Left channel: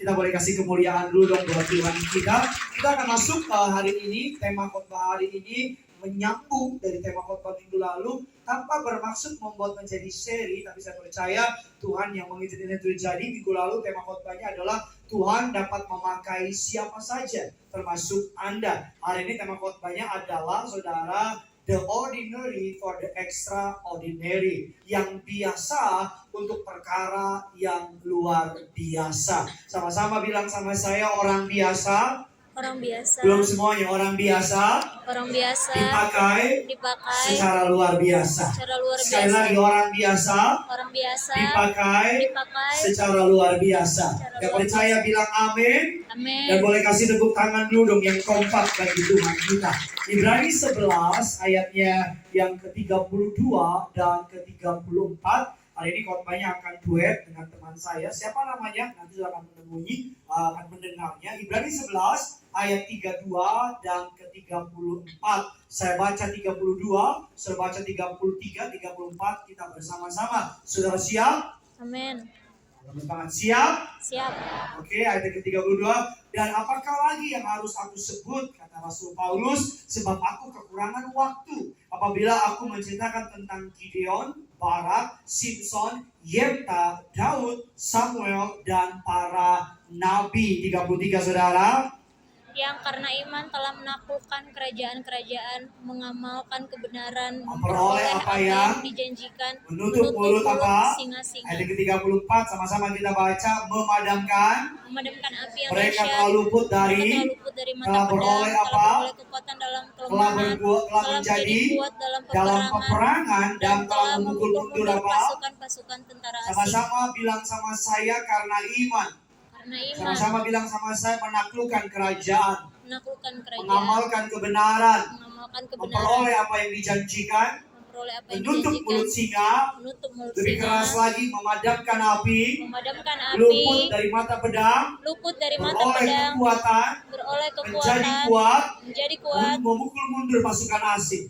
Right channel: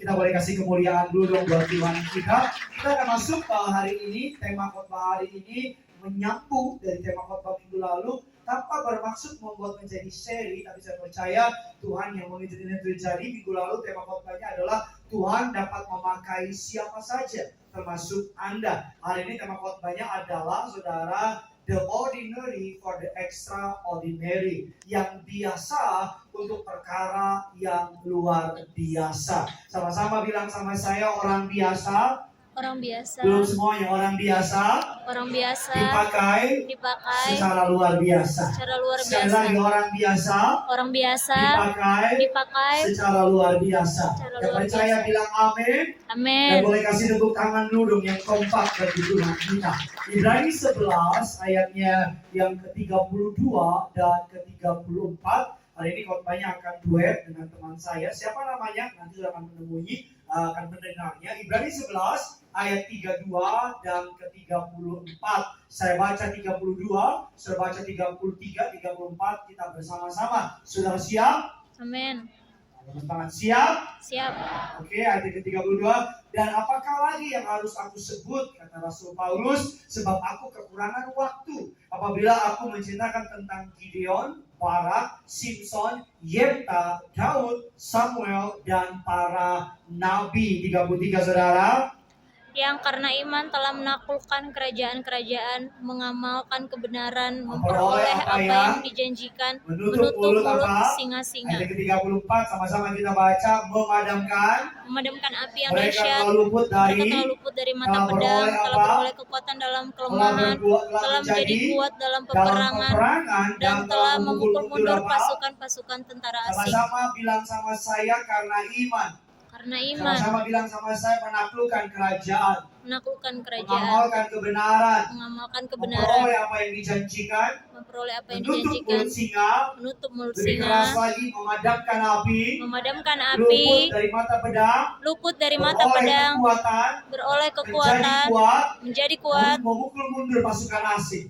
Kita boleh kasih kemuliaan dulu dong buat Tuhan kita. Kita akan masuk hari ini, tema khotbah hari ini menyambung dari tema khotbah minggu lalu, tanpa bermaksud membuat menjadi seri, tapi saya percaya Tuhan yang mengizinkan itu terjadi. Minggu lalu tema khotbahnya adalah Tuhan dapat memakai siapa saja, termasuk Anda. Hari ini tema khotbahnya adalah, saudara, the ordinary for the extraordinary, yang biasa untuk perkara yang luar biasa. Sama-sama bilang sama saya, orang biasa. Orang biasa. Belum semuanya, orang biasa. Orang biasa Dipakai secara luar biasa. Sekali lagi, orang biasa. Orang biasa Dipakai secara luar biasa. Yang percaya bilang amin. Amin. Dan boleh kasih tepuk tangan dulu dong yang kompak bagi Tuhan kita. Ibrani 11 ayatnya yang ke-32 dan ke-34. Hari ini khotbahnya akan duet dengan teman saya. Siapa namanya? Nanti sudah akan menemui, akan mendengarnya. Ibrani 11 ayat 32 dan ke-34. Saya baca 32, saya baca 33, 34. Kita bersama-sama. Saudara siap? Amin. Teman-teman siap? Siap. Oke, ayat ke-32. Dan apakah lagi yang harus aku sebut, kata Rasul Paulus, sebab aku kekurangan waktu. Apabila aku menceritakan tentang Gideon, Barak, Simpson, Yefta, Daud, Samuel, dan para nabi. 33, saudara. Yang karena iman telah menaklukkan kerajaan-kerajaan, mengamalkan kebenaran, memperoleh apa yang dijanjikan, menutup mulut apa? Singa-singa. Ayat ke-34, sama-sama kita baca. Memadamkan api yang mereka dahsyat, telah luput dari mata pedang, telah beroleh kekuatan dalam kelemahan, telah menjadi kuat dalam peperangan, dan telah memukul mundur pasukan-pasukan tentara asing. Sama-sama bilang sama saya, karena iman. Sama-sama bilang sama saya, menaklukkan kerajaan. Mengamalkan kebenaran. Memperoleh apa yang dijanjikan. Menutup mulut singa. Lebih keras lagi, memadamkan api. Luput dari mata pedang. Beroleh kekuatan. Menjadi kuat. Memukul mundur pasukan asing.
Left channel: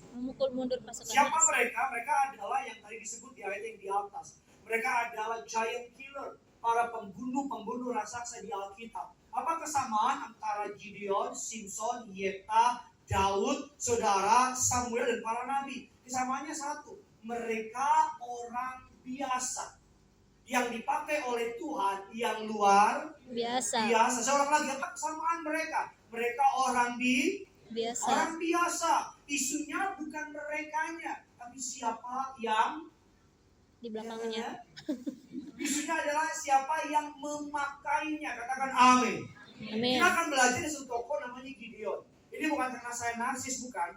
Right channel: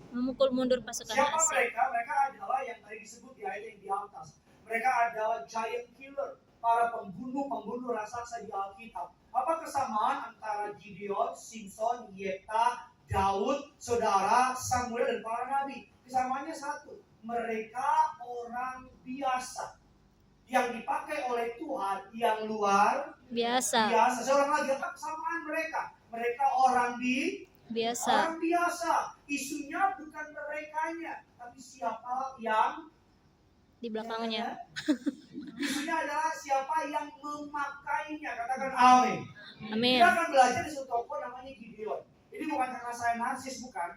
Siapa mereka? Mereka adalah yang tadi disebut di ayat yang di atas. Mereka adalah giant killer, para pembunuh raksasa di Alkitab. Apa kesamaan antara Gideon, Simpson, Yefta, Daud, saudara, Samuel, dan para nabi? Kesamaannya satu, mereka orang biasa yang dipakai oleh Tuhan yang luar biasa. Seorang lagi, apa kesamaan mereka? Mereka orang biasa. Orang biasa. Isunya bukan merekanya, tapi siapa yang di belakangnya. Isunya adalah siapa yang memakainya. Katakan amin. Amin. Kita akan belajar di satu tokoh namanya Gideon. Ini bukan karena saya narsis, bukan.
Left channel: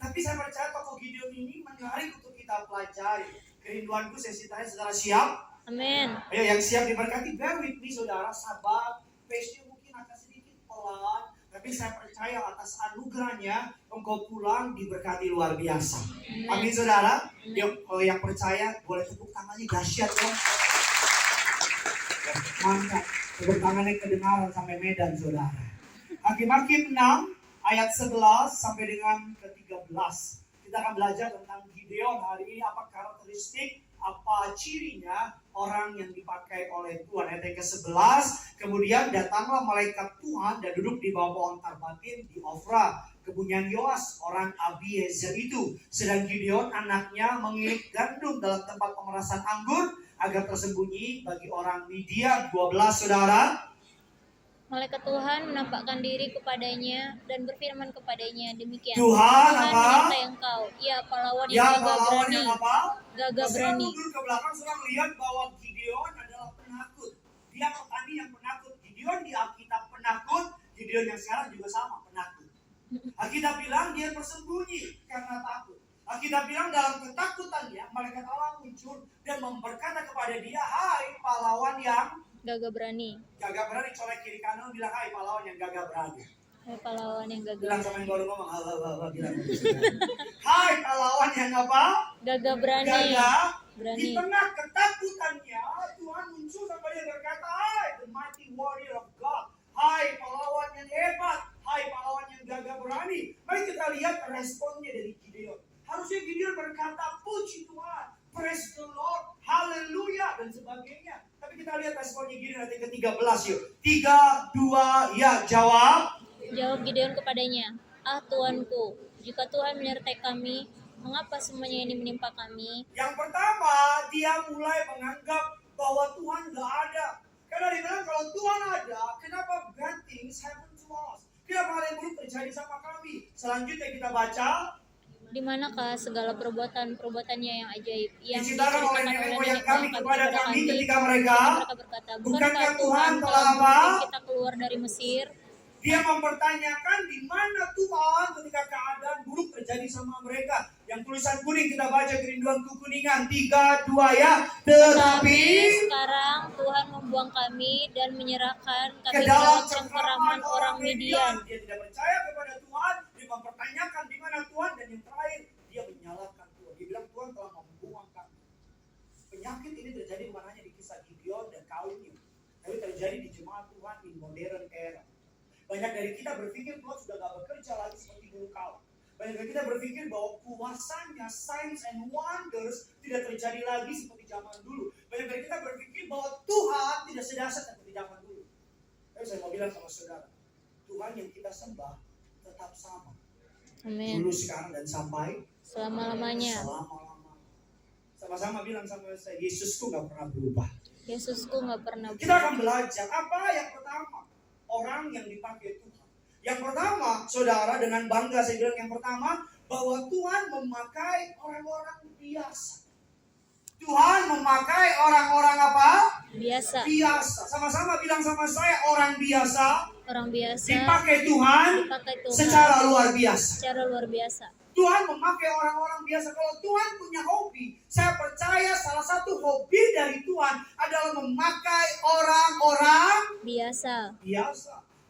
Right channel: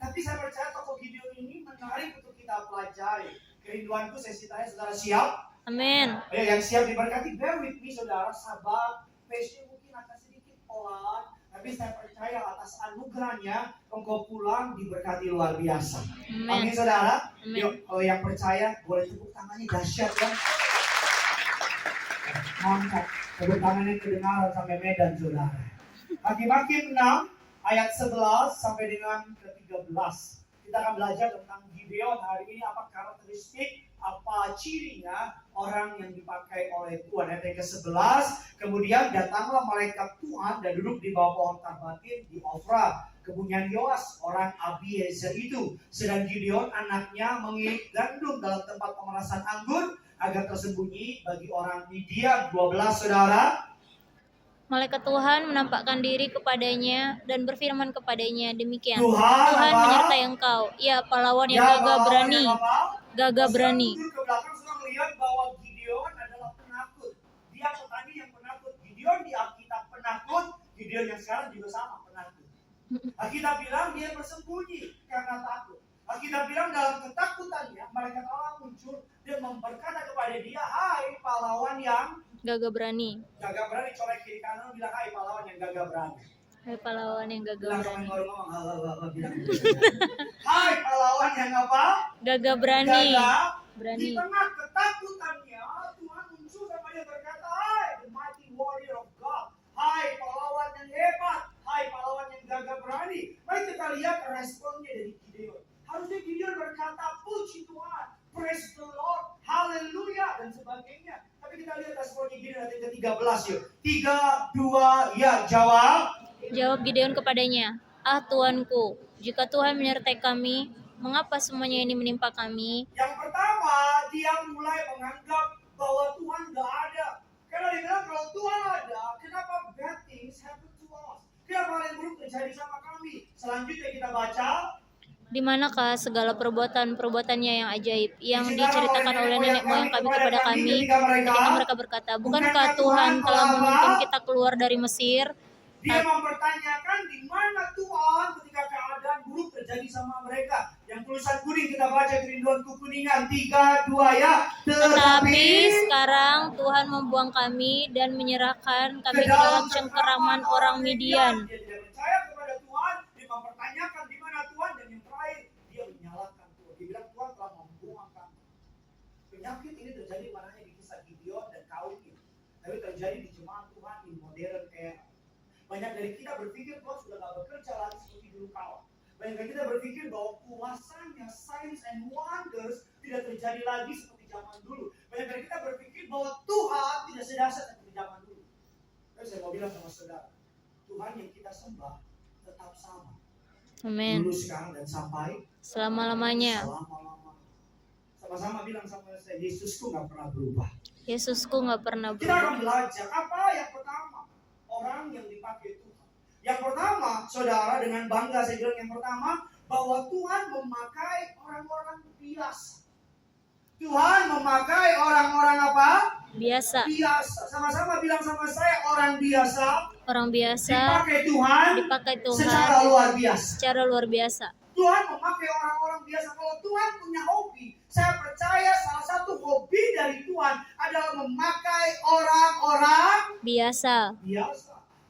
Tapi saya percaya tokoh Gideon ini menarik untuk kita pelajari. Kerinduanku saya ceritain, saudara siap? Amin. Ayo yang siap diberkati, bear with me saudara, sabar. Pace-nya mungkin agak sedikit pelan, tapi saya percaya atas anugerahnya engkau pulang diberkati luar biasa. Amin, saudara. Yuk, kalau yang percaya boleh tepuk tangannya dahsyat ya. Mantap. Tepuk tangannya kedengaran sampai Medan, saudara. Hakim-Hakim 6 ayat 11 sampai dengan ke-13. Kita akan belajar tentang Gideon hari ini, apa karakteristik, apa cirinya orang yang dipakai oleh Tuhan. Ayat yang ke-11, kemudian datanglah malaikat Tuhan dan duduk di bawah pohon tarbatin di Ofra, kebunyian Yoas orang Abiezer itu. Sedang Gideon anaknya mengirit gandum dalam tempat pemerasan anggur agar tersembunyi bagi orang Midian. 12, saudara. Malaikat Tuhan menampakkan diri kepadanya dan berfirman kepadanya demikian. Tuhan menyertai engkau, ya pahlawan yang gagah berani. Mundur ke belakang, sudah melihat bahwa Gideon adalah penakut. Dia petani yang penakut. Gideon di Alkitab penakut, Gideon yang sekarang juga sama, penakut. Alkitab bilang dia bersembunyi karena takut. Alkitab bilang dalam ketakutannya malaikat Allah muncul dan berkata kepada dia, hai pahlawan yang gagah berani. Gagah berani, colek kiri kanan bilang, hai pahlawan yang gagah berani. Hai pahlawan yang gagah bilang sama yang baru ngomong, bilang hai pahlawan yang apa? Gagah berani. Di tengah ketakutannya Tuhan muncul sampai dia berkata, hai the mighty warrior of God. Hai pahlawan yang hebat. Hai pahlawan yang gagah berani. Mari kita lihat responnya dari Gideon. Harusnya Gideon berkata, puji Tuhan, praise the Lord, haleluya, dan sebagainya. Tapi kita lihat responnya Gideon ayat ke-13. 14 yuk. 3, 2, ya, jawab. Jawab Gideon kepadanya, "Ah Tuanku, jika Tuhan menyertai kami, mengapa semuanya ini menimpa kami?" Yang pertama, dia mulai menganggap bahwa Tuhan gak ada. Karena dia bilang kalau Tuhan ada, kenapa bad things happen to us? Kenapa hal yang buruk terjadi sama kami? Selanjutnya kita baca. Di manakah segala perbuatan-perbuatannya yang ajaib yang Diceritakan diceritakan oleh nenek moyang kami kepada kami ketika mereka berkata, bukankah Tuhan telah memimpin kita keluar dari Mesir? Dia mempertanyakan di mana Tuhan ketika keadaan buruk terjadi sama mereka. Yang tulisan kuning kita baca, kerinduan kekuningan. 3, 2 ya. Tetapi sekarang Tuhan membuang kami dan menyerahkan kami ke dalam cengkeraman orang Midian. Dia tidak percaya kepada Tuhan, dia mempertanyakan di mana Tuhan, dan yang terakhir dia menyalahkan Tuhan. Dia bilang Tuhan telah membuang kami. Penyakit ini terjadi bukan hanya di kisah Gideon dan kaumnya, tapi terjadi di jemaat Tuhan di modern era. Banyak dari kita berpikir Tuhan sudah gak bekerja lagi seperti dulu kala. Banyak dari kita berpikir bahwa kuasanya signs and wonders tidak terjadi lagi seperti zaman dulu. Banyak dari kita berpikir bahwa Tuhan tidak sedahsyat seperti zaman dulu. Tapi saya mau bilang sama saudara, Tuhan yang kita sembah tetap sama. Amin. Dulu, sekarang, dan sampai selama-lamanya. Sama-sama bilang sama saya, Yesusku gak pernah berubah. Yesusku gak pernah Kita berubah. akan belajar apa yang pertama, orang yang dipakai Tuhan. Yang pertama, saudara, dengan bangga saya bilang yang pertama, bahwa Tuhan memakai orang-orang biasa. Tuhan memakai orang-orang apa? Biasa. Biasa. Sama-sama bilang sama saya, orang biasa. Orang biasa Dipakai Tuhan. Secara luar biasa. Secara luar biasa. Tuhan memakai orang-orang biasa. Kalau Tuhan punya hobi, saya percaya salah satu hobi dari Tuhan adalah memakai orang-orang biasa.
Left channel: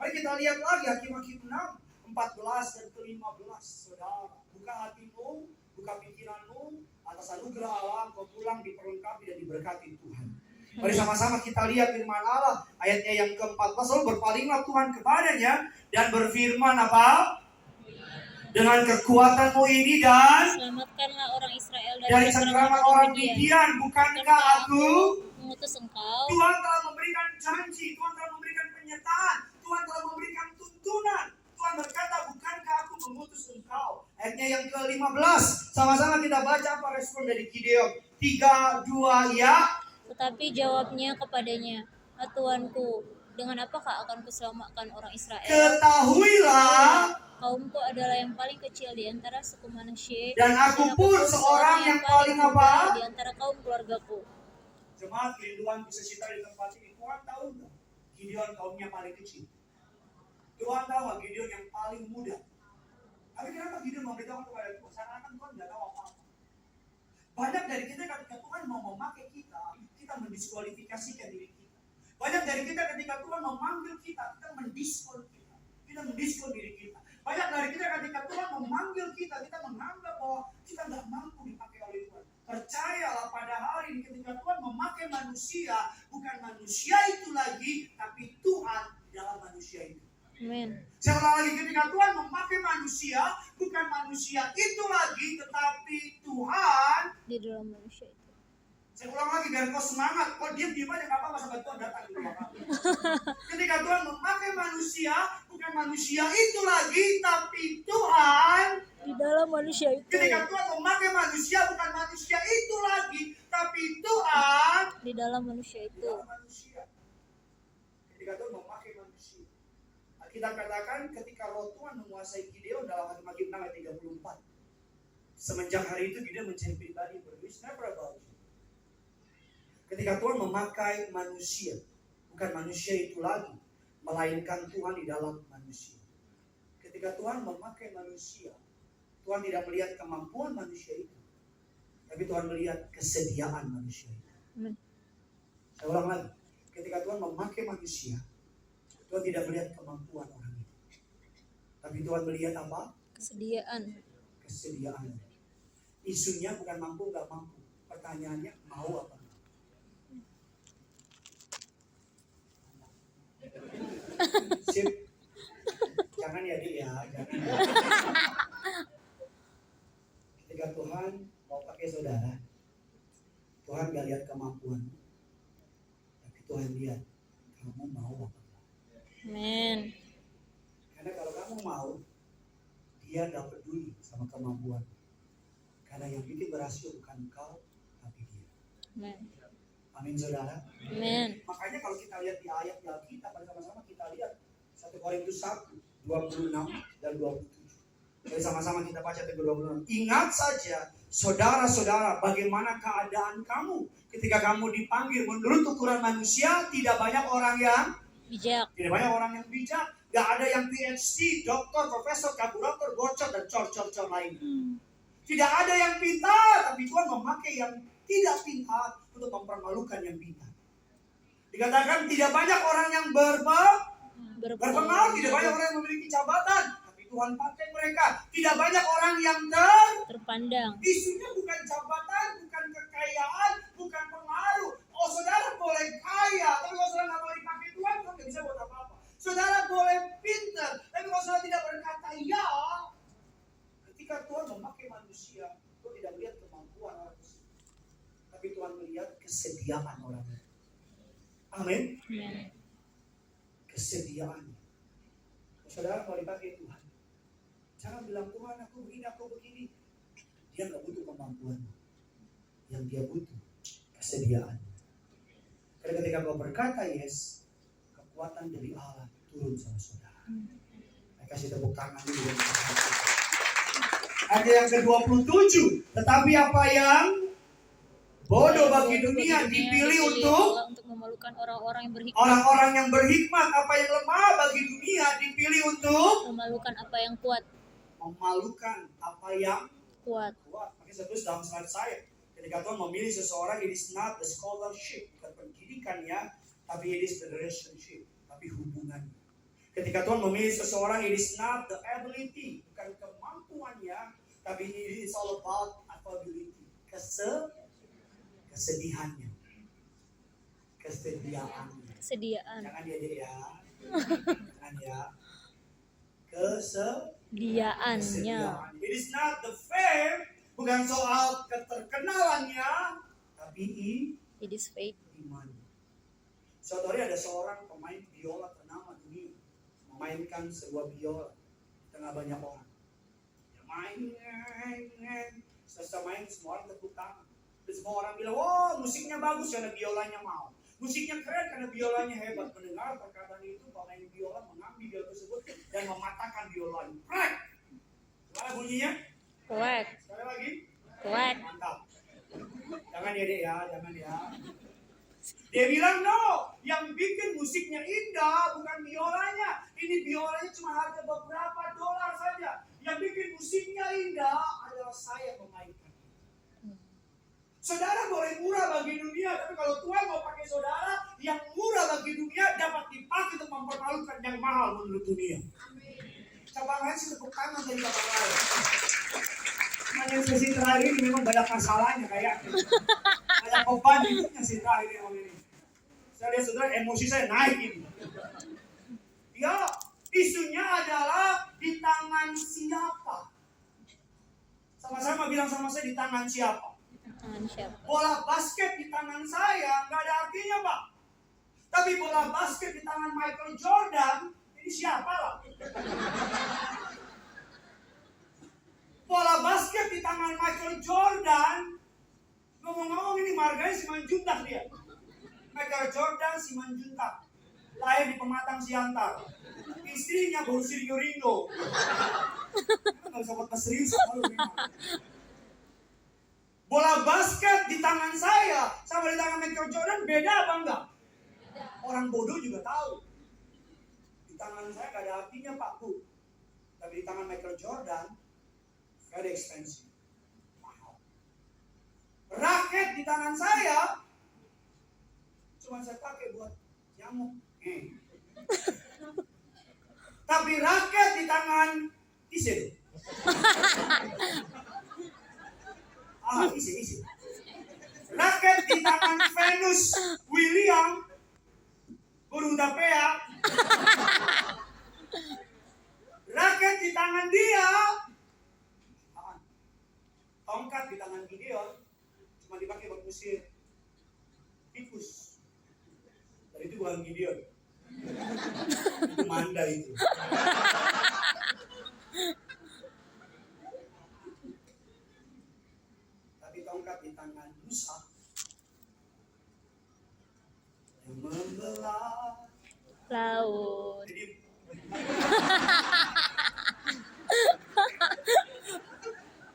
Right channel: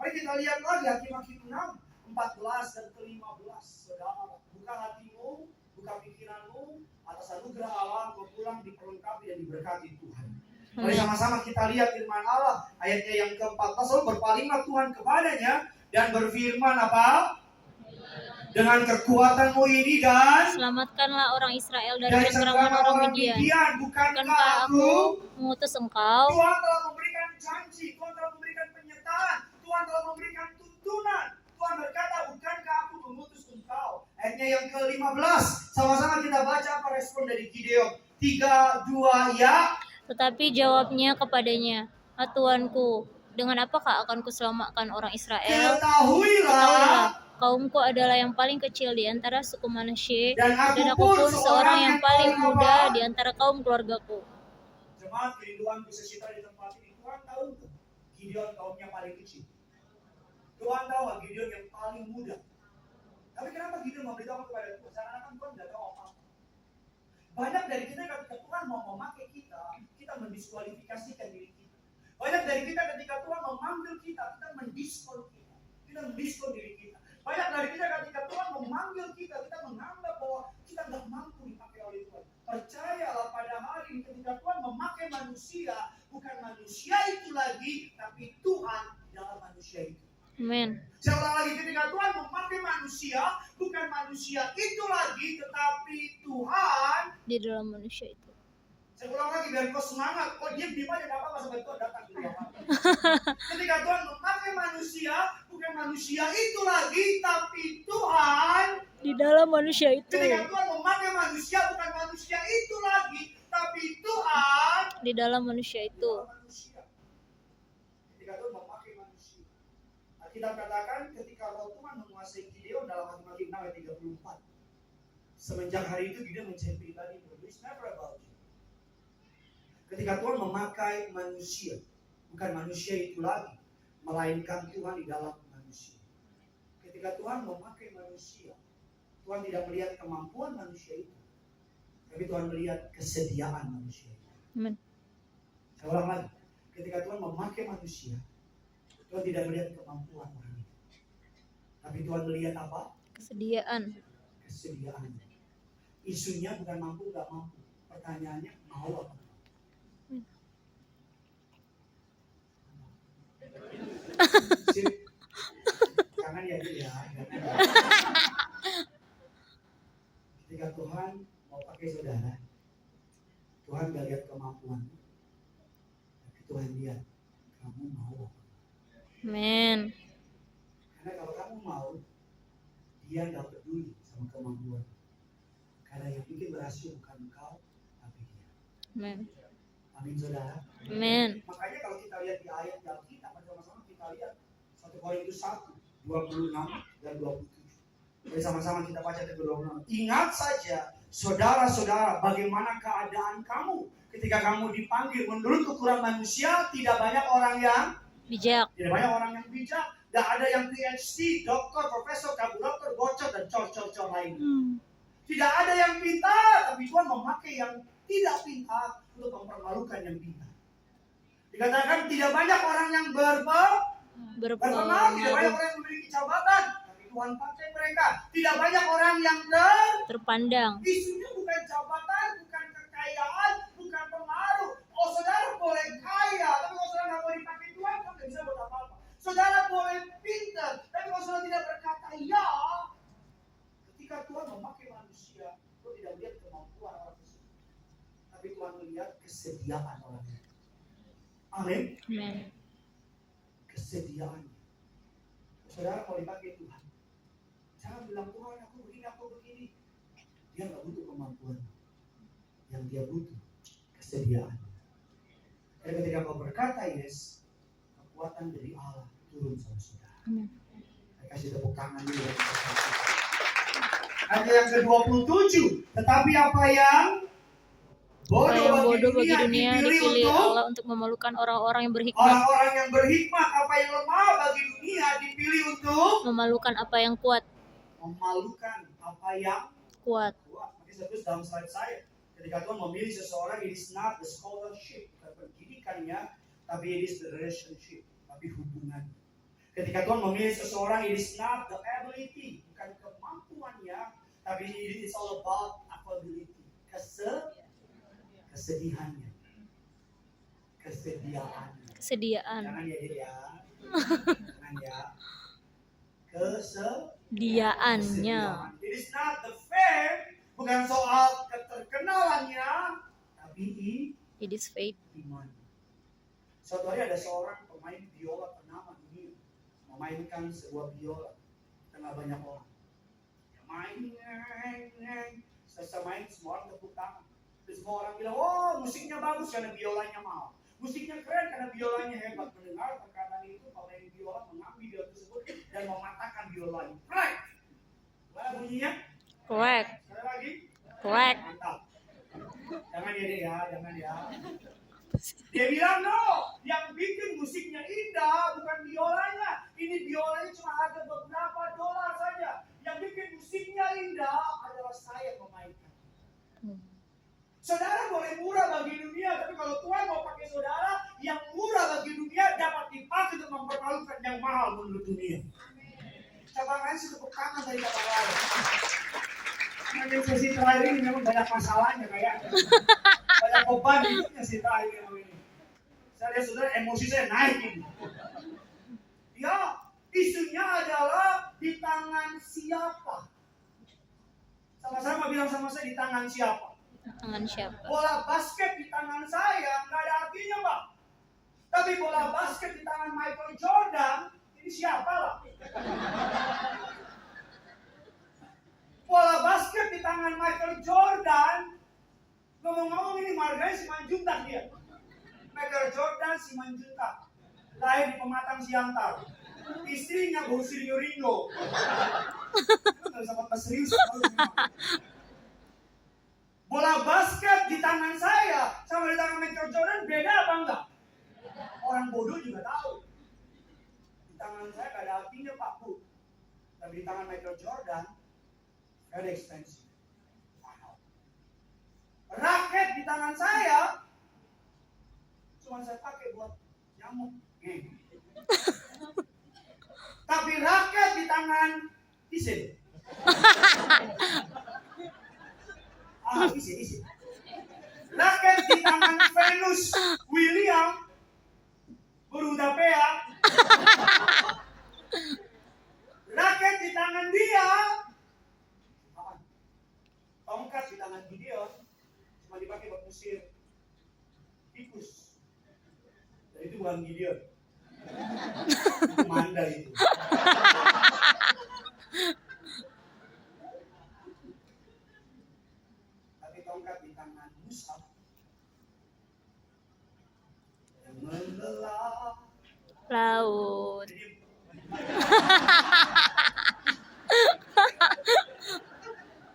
Mari kita lihat lagi Hakim-Hakim 6, 14 dan ke-15. Saudara, buka hatimu, buka pikiranmu, atas anugerah Allah kau pulang diperlengkapi dan diberkati Tuhan. Mari sama-sama kita lihat firman Allah, ayatnya yang ke-14. Lalu berpalinglah Tuhan kepadanya dan berfirman apa? Dengan kekuatanmu ini dan selamatkanlah orang Israel dari cengkeraman orang Midian. Bukankah aku mengutus engkau? Tuhan telah memberikan janji, Tuhan telah memberikan penyertaan, Tuhan telah memberikan tuntunan. Tuhan berkata, bukankah aku mengutus engkau? Ayatnya yang ke-15. Sama-sama kita baca apa respon dari Gideon. 3, 2 ya. Tetapi jawabnya kepadanya, "Ah Tuanku, dengan apakah akan kuselamatkan orang Israel? Ketahuilah, kaumku adalah yang paling kecil di antara suku Manasye, dan aku pun seorang yang paling muda di antara kaum keluargaku." Jemaat kerinduan bisa cita di tempat ini. Tuhan tahu nggak? Gideon kaumnya paling kecil. Tuhan tahu nggak Gideon yang paling muda? Tapi kenapa Gideon memberitahu kepada Tuhan? Karena kan Tuhan nggak tahu apa-apa. Banyak dari kita ketika Tuhan mau memakai kita, kita mendiskualifikasikan diri kita. Banyak dari kita ketika Tuhan memanggil kita, kita mendiskon kita. Kita mendiskon diri kita. Banyak dari kita ketika Tuhan memanggil kita, kita menganggap bahwa kita nggak mampu dipakai oleh Tuhan. Percayalah pada hari ini ketika Tuhan memakai manusia, bukan manusia itu lagi, tapi Tuhan dalam manusia itu. Amin. Saya ulang lagi, ketika Tuhan memakai manusia, bukan manusia itu lagi, tetapi Tuhan di dalam manusia itu. Saya ulang lagi biar kau semangat. Kau diam aja gak apa-apa sampai Tuhan datang di belakang. Ketika Tuhan memakai manusia, bukan manusia itu lagi, tapi Tuhan di dalam manusia itu. Ketika Tuhan memakai manusia, bukan manusia itu lagi, tapi Tuhan di dalam manusia itu. Ketika Tuhan memakai manusia, kita katakan ketika roh Tuhan menguasai Gideon dalam Hakim-Hakim 6 ayat 34. Semenjak hari itu Gideon menjadi pribadi yang berbeda. Never about you. Ketika Tuhan memakai manusia, bukan manusia itu lagi, melainkan Tuhan di dalam manusia. Ketika Tuhan memakai manusia, Tuhan tidak melihat kemampuan manusia itu, tapi Tuhan melihat kesediaan manusia itu. Amen. Saya ulang lagi, ketika Tuhan memakai manusia, Tuhan tidak melihat kemampuan orang itu, tapi Tuhan melihat apa? Kesediaan. Isunya bukan mampu nggak mampu, pertanyaannya mau apa? Sip. Jangan ya dia, jangan. Ketika Tuhan mau pakai saudara, Tuhan gak lihat kemampuan, tapi Tuhan lihat kamu mau Amin. Karena kalau kamu mau, dia nggak peduli sama kemampuan. Karena yang bikin berhasil bukan kau, tapi dia. Amin. Amin saudara. Amin. Makanya kalau kita lihat di ayat di Alkitab, bersama-sama kita lihat 1 Korintus 1, 26 dan 27. Jadi sama-sama kita baca 26. Ingat saja, saudara-saudara, bagaimana keadaan kamu ketika kamu dipanggil menurut ukuran manusia. Tidak banyak orang yang Bijak. Tidak banyak orang yang bijak. Gak ada yang PhD, doktor, profesor, karburator, bocor, dan cor-cor lain. Tidak ada yang pintar, tapi Tuhan memakai yang tidak pintar untuk mempermalukan yang pintar. Dikatakan tidak banyak orang yang berpengaruh, tidak banyak orang yang memiliki jabatan, tapi Tuhan pakai mereka. Tidak banyak orang yang terpandang. Isunya bukan jabatan, bukan kekayaan, bukan pengaruh. Oh, saudara boleh kaya, tapi kalau saudara nggak mau dipakai Tuhan, Tuhan nggak bisa buat apa-apa. Saudara boleh pintar, tapi kalau saudara tidak berkata ya, ketika Tuhan memakai manusia, Tuhan tidak melihat kemampuan orang tersebut, tapi Tuhan melihat kesediaan orang itu. Amin. Kesediaan. Saudara mau dipakai Tuhan, jangan bilang Tuhan aku begini. Dia nggak butuh kemampuan, yang dia butuh kesediaan. Dan ketika kau berkata yes, kekuatan dari Allah turun sama saudara. Saya kasih tepuk tangan dulu. Ayat yang ke-27. Tetapi apa yang bodoh bagi dunia dipilih untuk memalukan orang-orang yang berhikmat. Orang-orang yang berhikmat. Apa yang lemah bagi dunia dipilih untuk memalukan apa yang kuat. Memalukan apa yang kuat. Makanya saya tulis dalam slide saya. Ketika Tuhan memilih seseorang, it is not the scholarship, bukan pendidikannya, tapi it is the relationship, tapi hubungannya. Ketika Tuhan memilih seseorang, it is not the ability, bukan kemampuannya, tapi it is all about ability, kesedihannya, kesediaannya. Jangan ya, jangan ya. Kesediaannya. It is not the fame, bukan soal keterkenalannya, tapi it is faith. Iman. Suatu hari ada seorang pemain biola ternama dunia memainkan sebuah biola tengah banyak orang. Dia main, selesai main semua orang tepuk tangan. Dan semua orang bilang, oh musiknya bagus karena biolanya mau. Musiknya keren karena biolanya hebat. Mendengar perkataan itu, pemain biola mengambil biola tersebut dan mematahkan biolanya. Prek! Gimana bunyinya? Prek. Sekali lagi. Prek. Mantap. Jangan ya, jangan ya. Dia bilang, no, yang bikin musiknya indah bukan biolanya. Ini biolanya cuma harga beberapa dolar saja. Yang bikin musiknya indah adalah saya memainkan. Saudara boleh murah bagi dunia, tapi kalau Tuhan mau pakai saudara, yang murah bagi dunia dapat dipakai untuk mempermalukan yang mahal menurut dunia. Cabang lain sih tepuk tangan dari cabang lain. Hanya sesi terakhir ini memang banyak masalahnya kayaknya. Banyak beban hidupnya sih terakhir ini. Saya lihat saudara, emosi saya naik ini. Ya, isunya adalah di tangan siapa? Sama-sama bilang sama saya, di tangan siapa? Tangan siapa? Bola basket di tangan saya nggak ada artinya, Pak. Tapi bola basket di tangan Michael Jordan, ini siapa lah? Bola basket di tangan Michael Jordan, ngomong-ngomong ini marganya Simanjuntak dia. Michael Jordan Simanjuntak, lahir di Pematang Siantar. Istrinya Bosir Ringo. Nggak bisa kata serius. Bola basket di tangan saya sama di tangan Michael Jordan beda apa enggak? Orang bodoh juga tahu. Di tangan saya gak ada artinya Pak Bu. Tapi di tangan Michael Jordan very expensive. Mahal. Raket di tangan saya cuma saya pakai buat nyamuk. Tapi raket di tangan Isil. Isi. Raket di tangan Venus William Burundapea. Raket di tangan dia. Tongkat di tangan Gideon cuma dipakai buat musir tikus. Dan itu bukan Gideon. benda itu. Tapi tongkat di tangan Musa yang membelah Laut.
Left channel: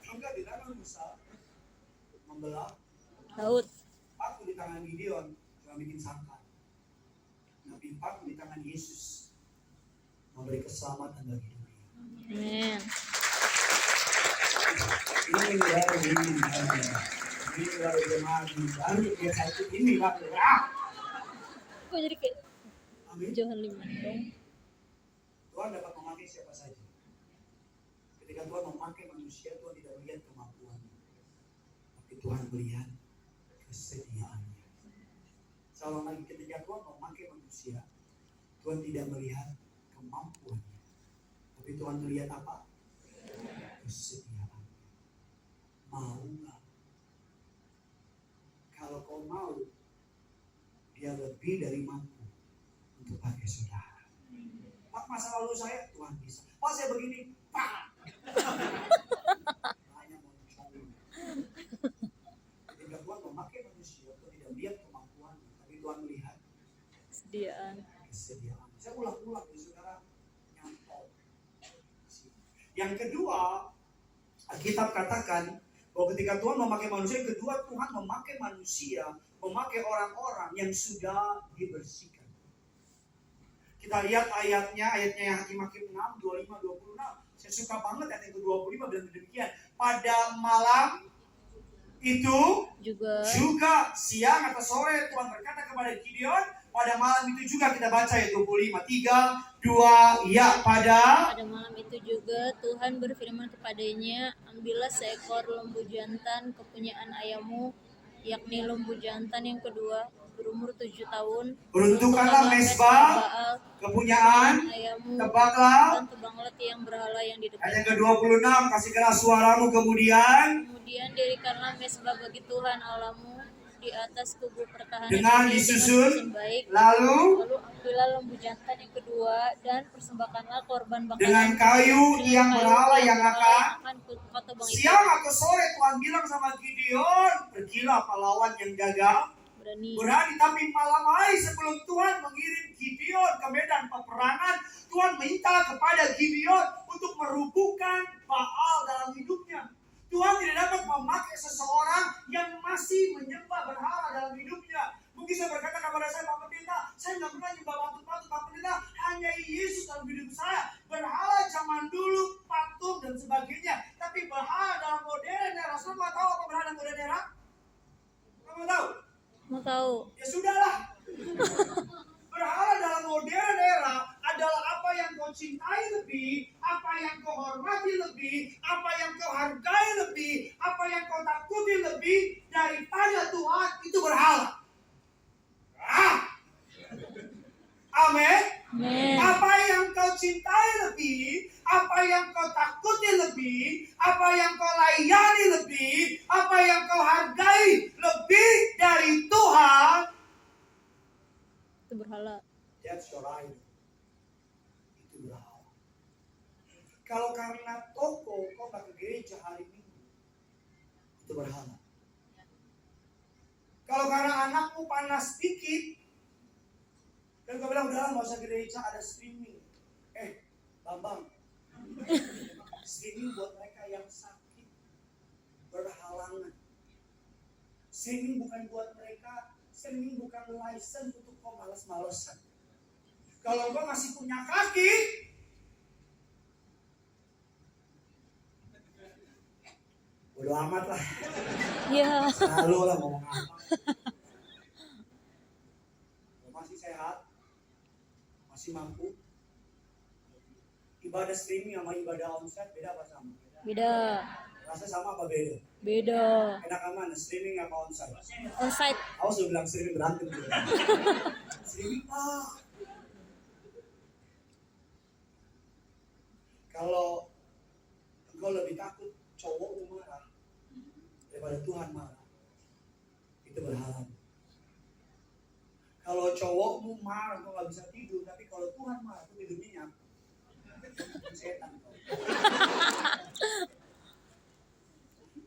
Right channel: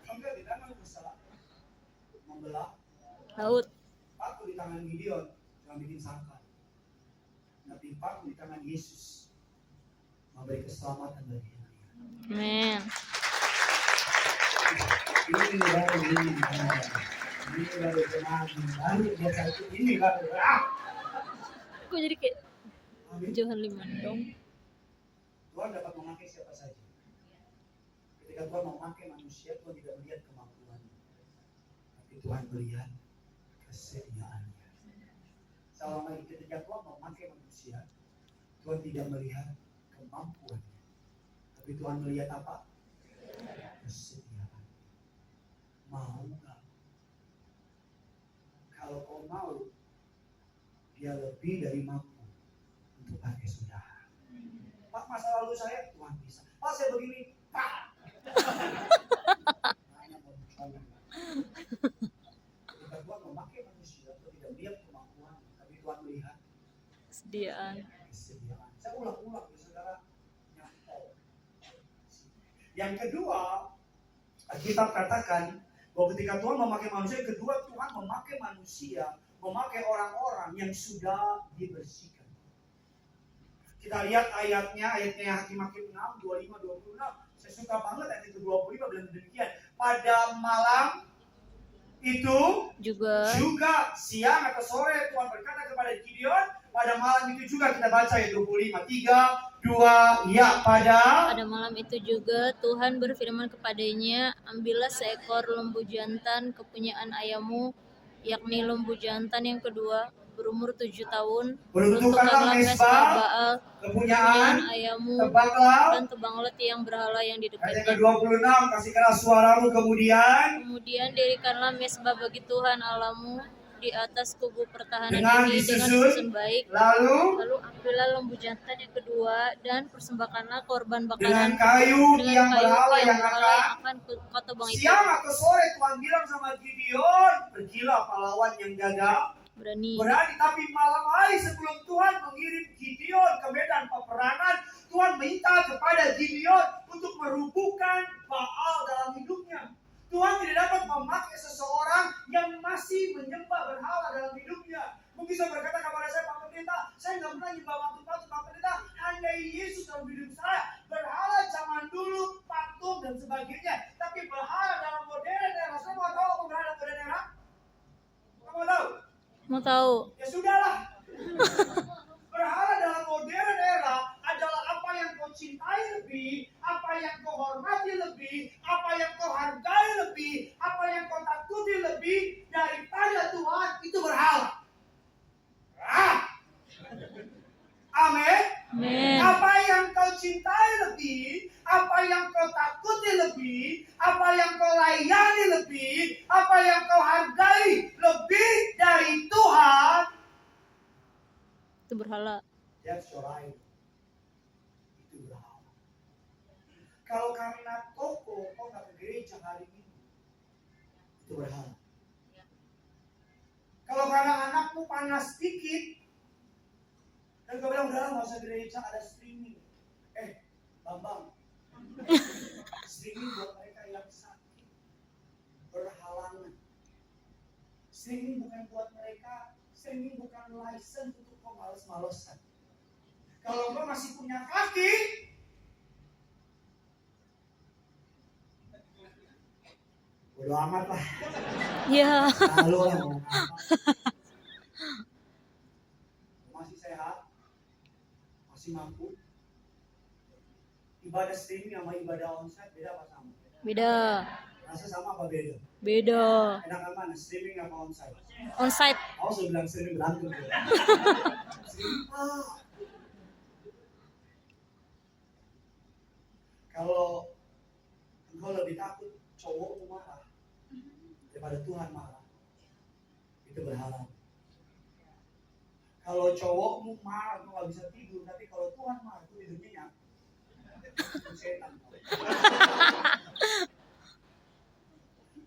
tongkat di tangan Musa membelah Laut. paku di tangan Gideon cuma bikin sangkar. Tapi paku di tangan Yesus memberi keselamatan bagi dunia. Amin. Ini baru jemaat baru biasa itu ini baru. Kok jadi kayak Amin. Johan Limandong? Tuhan dapat memakai siapa saja. Ketika Tuhan memakai manusia, Tuhan tidak melihat kemampuannya, tapi Tuhan melihat kesediaannya. Selama lagi ketika Tuhan memakai manusia, Tuhan tidak melihat kemampuannya, tapi Tuhan melihat apa? Kesediaan. Mau nggak? Kalau kau mau, dia lebih dari mampu untuk pakai saudara. Pak, masa lalu saya, Tuhan bisa. Pak, saya begini, Pak. Hanya mau mencoba. Ketika Tuhan memakai manusia, Tuhan tidak melihat kemampuannya, tapi Tuhan melihat Kesediaan. kesediaan. Saya ulang-ulang, saudara, nyantol. Yang kedua, Alkitab katakan bahwa ketika Tuhan memakai manusia, yang kedua Tuhan memakai manusia, memakai orang-orang yang sudah dibersihkan. Kita lihat ayatnya Hakim-Hakim 6, 25-26. Saya suka banget ayat yang ke-25 bilang demikian. Pada malam itu juga siang atau sore Tuhan berkata kepada Gideon, pada malam itu juga kita baca ayat 25, 3, 2, ya pada malam itu juga Tuhan berfirman kepadanya, ambillah seekor lembu jantan kepunyaan ayahmu, yakni lembu jantan yang kedua, berumur 7 tahun. Peruntukanlah mezbah kepunyaan ayahmu, tebaklah dan tebanglah tiang berhala yang di ayat dekatnya. ke-26, kasihkanlah suaramu kemudian dirikanlah mezbah bagi Tuhan Allahmu di atas kubu pertahanan dengan ini disusun baik. lalu Ambillah lembu jantan yang kedua dan persembahkanlah korban bakaran dengan kayu yang berhala yang akan kau tebang itu. Siang atau sore Tuhan bilang sama Gideon, pergilah pahlawan yang gagah berani, tapi malam hari sebelum Tuhan mengirim Gideon ke medan peperangan, Tuhan minta kepada Gideon untuk merubuhkan Baal dalam hidupnya. Tuhan tidak dapat memakai seseorang yang masih menyembah berhala dalam hidupnya. Mungkin saya berkata kepada saya, Pak Pendeta, saya nggak pernah menyembah patung-patung. Pak Pendeta, hanya Yesus dalam hidup saya. Berhala zaman dulu, patung dan sebagainya. Tapi berhala dalam modern era, saya mau tahu apa berhala modern era? Kamu tahu? Mau tahu? Ya sudahlah. Berhala dalam modern era adalah apa yang kau cintai lebih, apa yang kau hormati lebih, apa yang kau hargai lebih, apa yang kau takuti lebih daripada Tuhan, itu berhala. Amin. Apa yang kau cintai lebih, apa yang kau takuti lebih, apa yang kau layani lebih, apa yang kau hargai lebih dari Tuhan, itu berhala. That's right. Itu berhala. Kalau karena toko kau nggak ke gereja hari Minggu, itu berhala. Kalau karena anakmu panas dikit, dan kau bilang udah nggak usah gereja, ada streaming. Bambang, streaming buat mereka yang sakit, berhalangan. Streaming bukan buat mereka, streaming bukan license untuk kau males-malesan. Kalau kau masih punya kaki, bodo amat lah. Ya. Lalu lah mau ngapa. Masih sehat, masih mampu. Ibadah streaming sama ibadah onsite beda apa sama? Beda. Rasa sama apa beda? Beda. Enakan mana, streaming apa onsite? Onsite. Aku sudah bilang streaming berantem. Streaming kalau engkau lebih takut cowokmu marah daripada Tuhan marah, itu berhala. Kalau cowokmu marah engkau nggak bisa tidur, tapi kalau Tuhan marah, itu tidurnya nyenyak.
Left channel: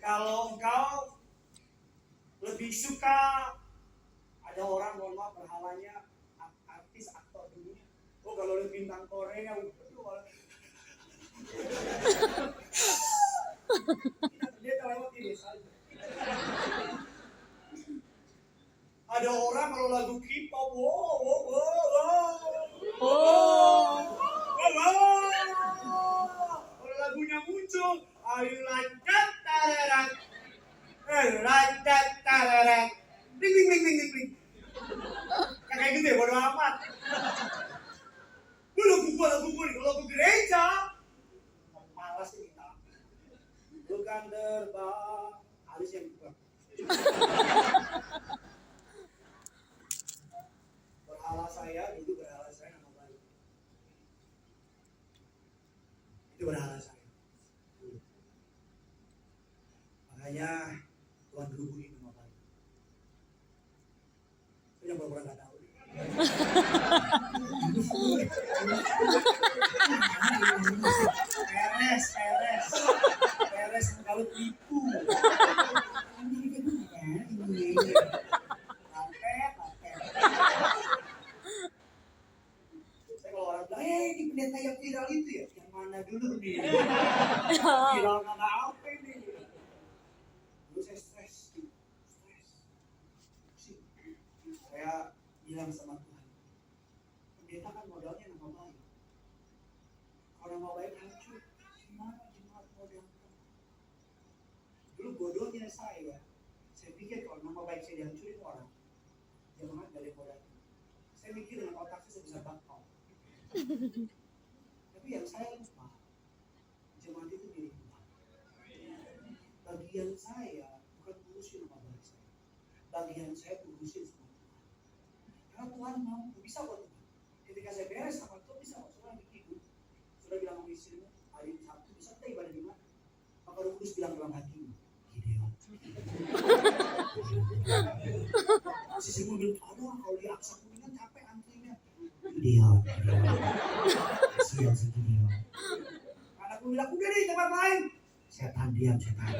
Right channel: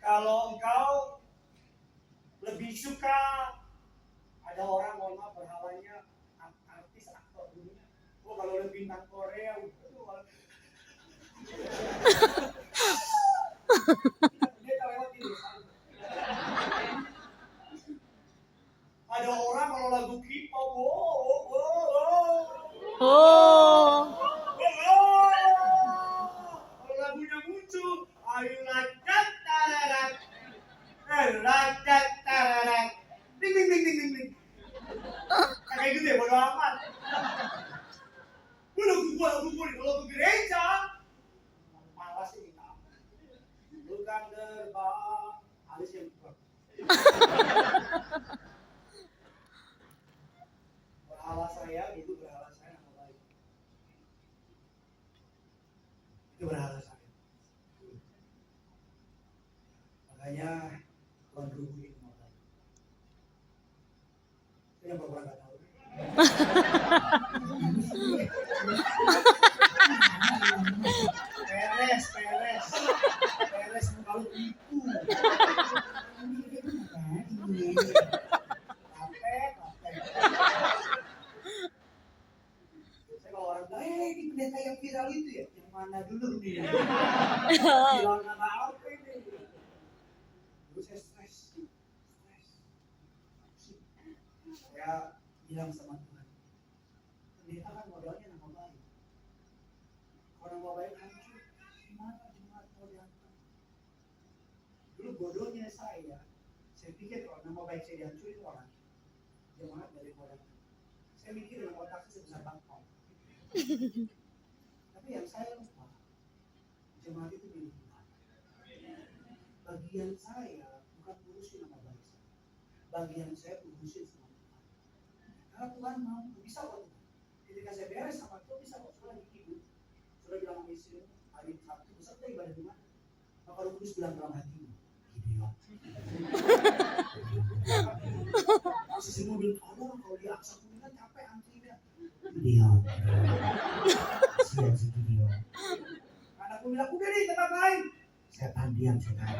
Kalau engkau lebih suka, ada orang mohon maaf berhalanya artis aktor dunia. Oh kalau udah bintang Korea, dia lewat di desa. Ada orang kalau lagu K-pop, Oh. kalau lagunya muncul, I like that tararat, like that tararat, ding ding ding ding ding ding. Kayak gitu ya, bodo amat. Lagu gue nih, kalau ke gereja, malas sih kita. Bukan terbang, alis yang buka. Berhala saya, itu berhala saya nama baik. Itu berhala saya. Makanya Tuhan berhubungi nama baik. Itu yang pura-pura gak tahu. Peres kalau tipu. Kalau orang bilang, ini pendeta yang viral itu ya, yang mana dulu nih? Viral karena apa ini? Dulu saya stres. Saya bilang sama Tuhan, pendeta kan modalnya nama baik. Kalau nama baik hancur, gimana jemaat mau datang? Dulu bodohnya saya pikir kalau nama baik saya dihancurin orang, jemaat gak ada mau datang. Saya mikir dengan otak saya sebesar bangkong. Tapi yang saya lupa, jemaat itu milik Tuhan. Bagian saya bukan urusin nama baik saya. Bagian saya urusin sama Tuhan. Karena Tuhan mau, bisa kok Tuhan. Ketika saya beres sama Tuhan, bisa kok. Saudara lagi tidur, saudara bilang sama istrimu, hari Sabtu, bisa kita ibadah di mana? Maka Roh Kudus bilang dalam hatimu, Gideon. Istrimu bilang, aduh kalau di Aksa Kuningan capek antrinya. Gideon. Kasihan si Gideon. Anakku bilang, udah nih tempat lain. Setan diam, setan.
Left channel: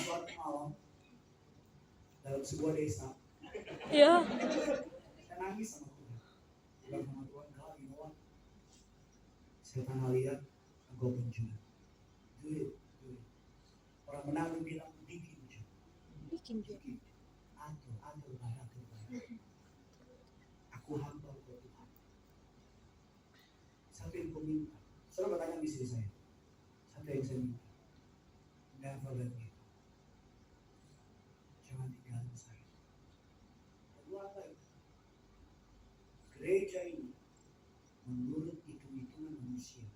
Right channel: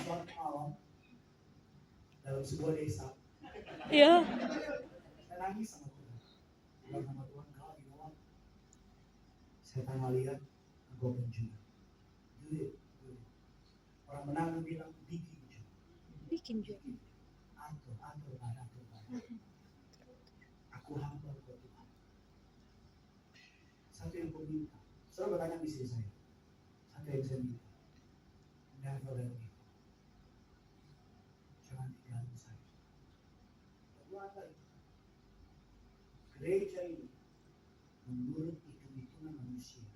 Suatu malam dalam sebuah desa, Ya. saya nangis sama Tuhan. Bilang sama Tuhan, God, you know what? Setan lihat engkau penjuru. Do it. Orang menang bilang bikin juga. Atur. Aku hamba buat Tuhan. Satu yang kau minta. Saudara bertanya di sini saya. Satu yang saya minta. Never let me go. Jangan tinggalin saya. Kedua apa itu? Gereja ini menurut hitung-hitungan manusia,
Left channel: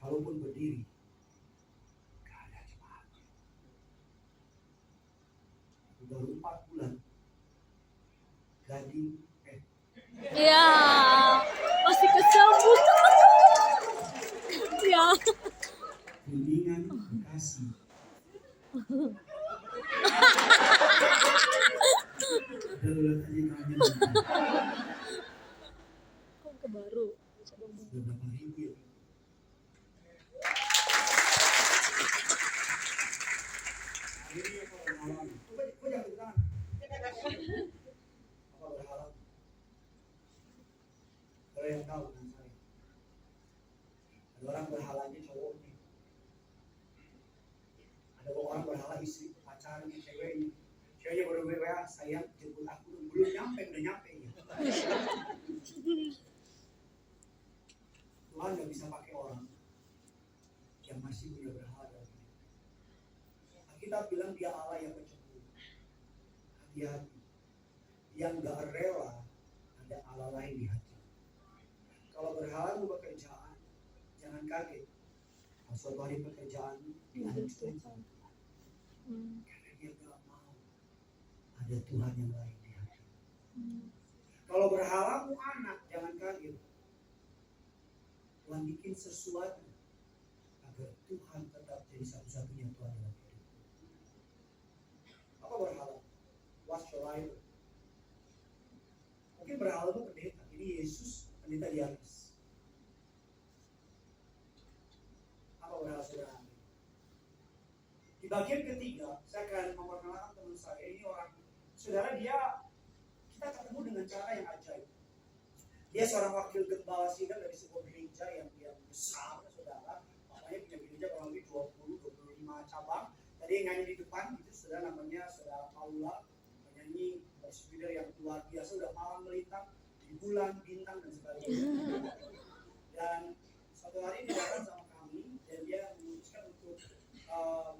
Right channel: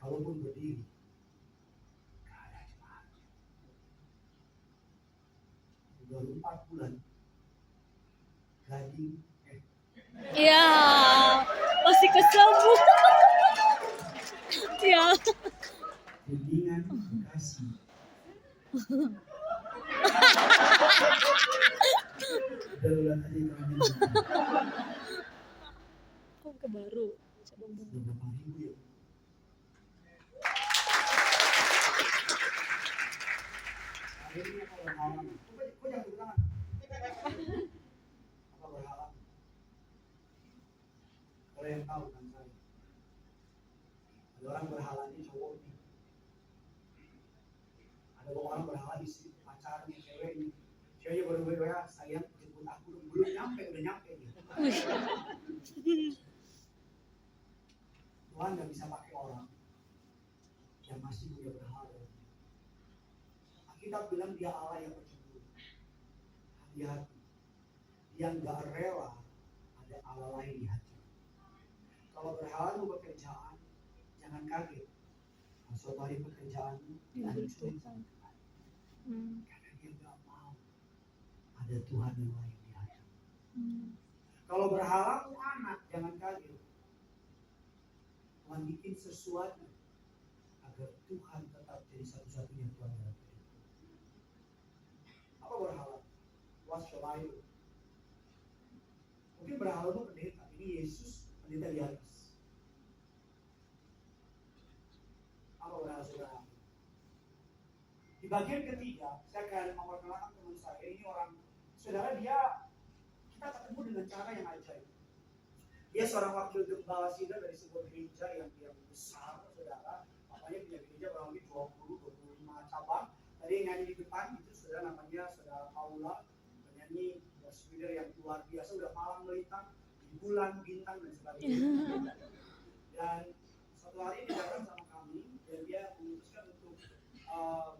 kalaupun berdiri, gak ada jemaat. Baru 4 bulan, Gading, Ya. Masih kesambung. Ya. Kuningan, Bekasi. Darurat aja kami. Ke baru. Beberapa ribu ya. Akhirnya apa berhalang? Kok jangan tepuk tangan? Apa berhalang? Ada yang tahu kan saya? Ada orang berhalanya cowok nih. Ada orang berhala istri, pacarnya, ceweknya. Ceweknya baru WA, sayang jemput aku. Belum nyampe, udah nyampe gitu. Tuhan gak bisa pakai orang yang masih punya berhala. Kita bilang dia Allah yang pencemburu. Hati-hati. Yang gak rela ada Allah lain di hati. Kalau berhala lu pekerjaan, jangan kaget. Kalau suatu hari pekerjaan dihancurin sama Tuhan. Karena dia gak mau ada Tuhan yang lain di hati. Kalau berhala lu anak, jangan kaget. Tuhan bikin sesuatu agar Tuhan tetap jadi satu-satunya Tuhan dalam hidup. Apa berhala? What's your idol? Mungkin berhala itu pendeta. Ini Yesus pendeta di atas. Apa benar saudara? Di bagian ketiga, saya akan memperkenalkan teman saya. Ini orang, saudara, kita ketemu dengan cara yang ajaib. Dia seorang wakil gembala sidang dari sebuah gereja yang besar, saudara. Namanya punya gereja kurang lebih 20-25 cabang. Tadi yang nyanyi di depan itu saudara, namanya saudara Paula, penyanyi worship leader yang luar biasa, udah malam melintang di bulan, bintang dan sebagainya. Dan suatu hari dia datang sama kami dan dia memutuskan untuk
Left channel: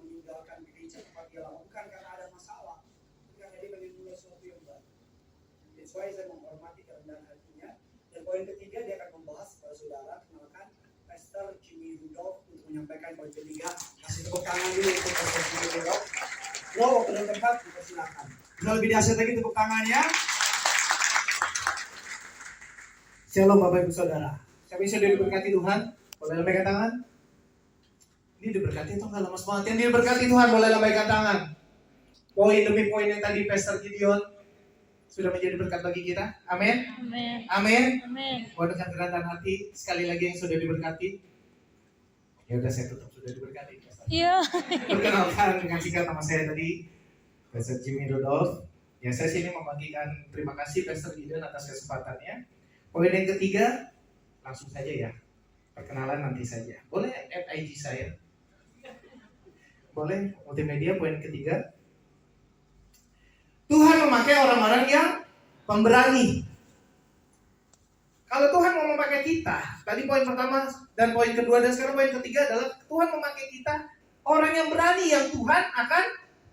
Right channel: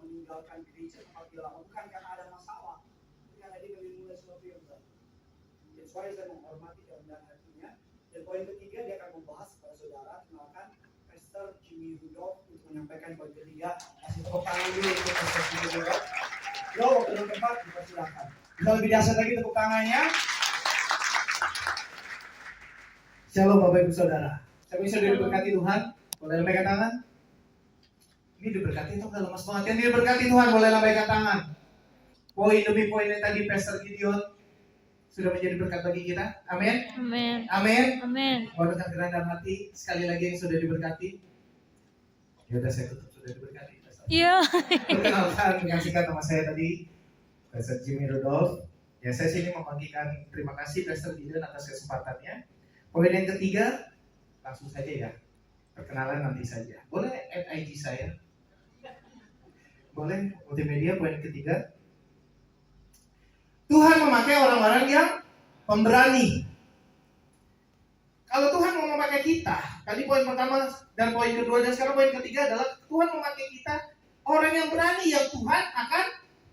meninggalkan gereja tempat dia lama, bukan karena ada masalah, tapi karena dia ingin mulai sesuatu yang baru. That's why saya menghormati kerendahan hatinya. Dan poin ketiga, dia akan membahas kepada saudara, kenalkan Pastor Jimmy Rudolph untuk menyampaikan poin ketiga. Kasih tepuk tangan dulu untuk Pastor Jimmy Rudolph. Lo ke tempat, dipersilakan. Bisa lebih dahsyat lagi tepuk tangannya. Shalom Bapak Ibu Saudara. Saya bisa diberkati Tuhan. Boleh lambaikan tangan? Ini diberkati atau enggak lemas banget? Yang diberkati Tuhan boleh lambaikan tangan. Poin demi poin yang tadi Pastor Gideon sudah menjadi berkat bagi kita. Amin. Amin. Amin. Amin. Mohon dengan kerendahan hati sekali lagi yang sudah diberkati. Ya udah, saya tutup, sudah diberkati. Iya. Perkenalkan dengan singkat nama saya tadi Pastor Jimmy Rudolph. Ya, saya sini membagikan terima kasih Pastor Gideon atas kesempatannya. Poin yang ketiga, langsung saja ya. Perkenalan nanti saja. Boleh add IG saya? Boleh, multimedia. Poin ketiga, Tuhan memakai orang-orang yang pemberani. Kalau Tuhan mau memakai kita, tadi poin pertama dan poin kedua dan sekarang poin ketiga adalah Tuhan memakai kita, orang yang berani yang Tuhan akan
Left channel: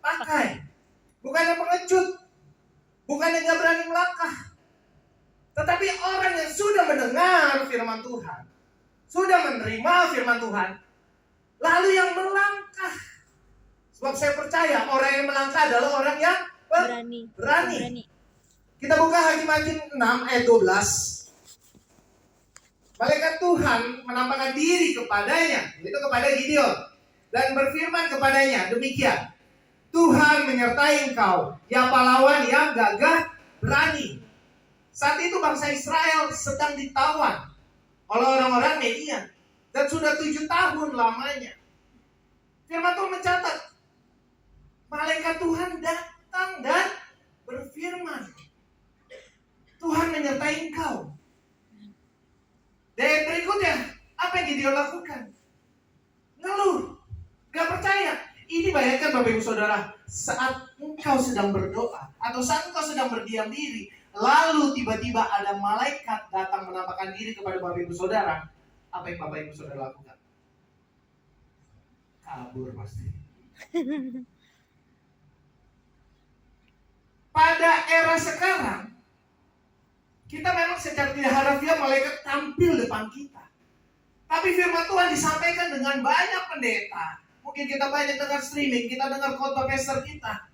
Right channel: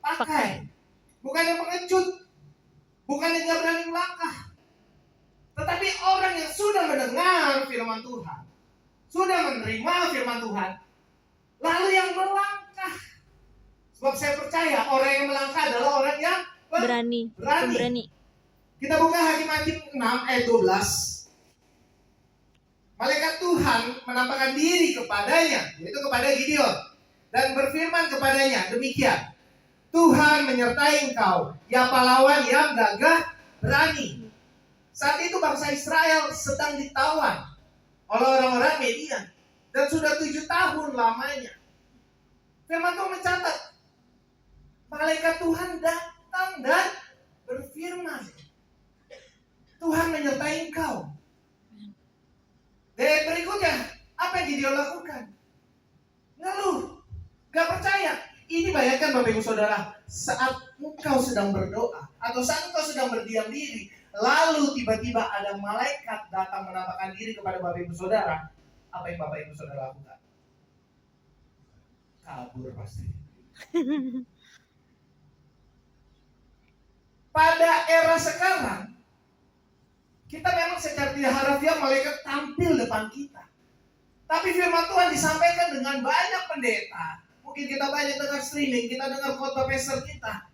pakai. Bukan yang pengecut, bukan yang gak berani melangkah, tetapi orang yang sudah mendengar firman Tuhan, sudah menerima firman Tuhan, lalu yang melangkah. Sebab saya percaya orang yang melangkah adalah orang yang berani. Kita buka Hakim-Hakim 6 ayat 12. Malaikat Tuhan menampakkan diri kepadanya, yaitu kepada Gideon, dan berfirman kepadanya, demikian, Tuhan menyertai engkau, ya pahlawan yang gagah berani. Saat itu bangsa Israel sedang ditawan oleh orang-orang Median, dan sudah 7 tahun lamanya. Firman Tuhan mencatat, malaikat Tuhan datang dan berfirman, Tuhan menyertai engkau. Dan berikutnya, apa yang Gideon lakukan? Ngeluh, gak percaya. Ini bayangkan Bapak Ibu Saudara, saat engkau sedang berdoa atau saat engkau sedang berdiam diri, lalu tiba-tiba ada malaikat datang menampakkan diri kepada Bapak Ibu Saudara, apa yang Bapak Ibu Saudara lakukan? Kabur pasti. Pada era sekarang, kita memang secara tidak harfiah malaikat tampil depan kita. Tapi firman Tuhan disampaikan dengan banyak pendeta. Mungkin kita banyak dengar streaming, kita dengar khotbah pastor kita.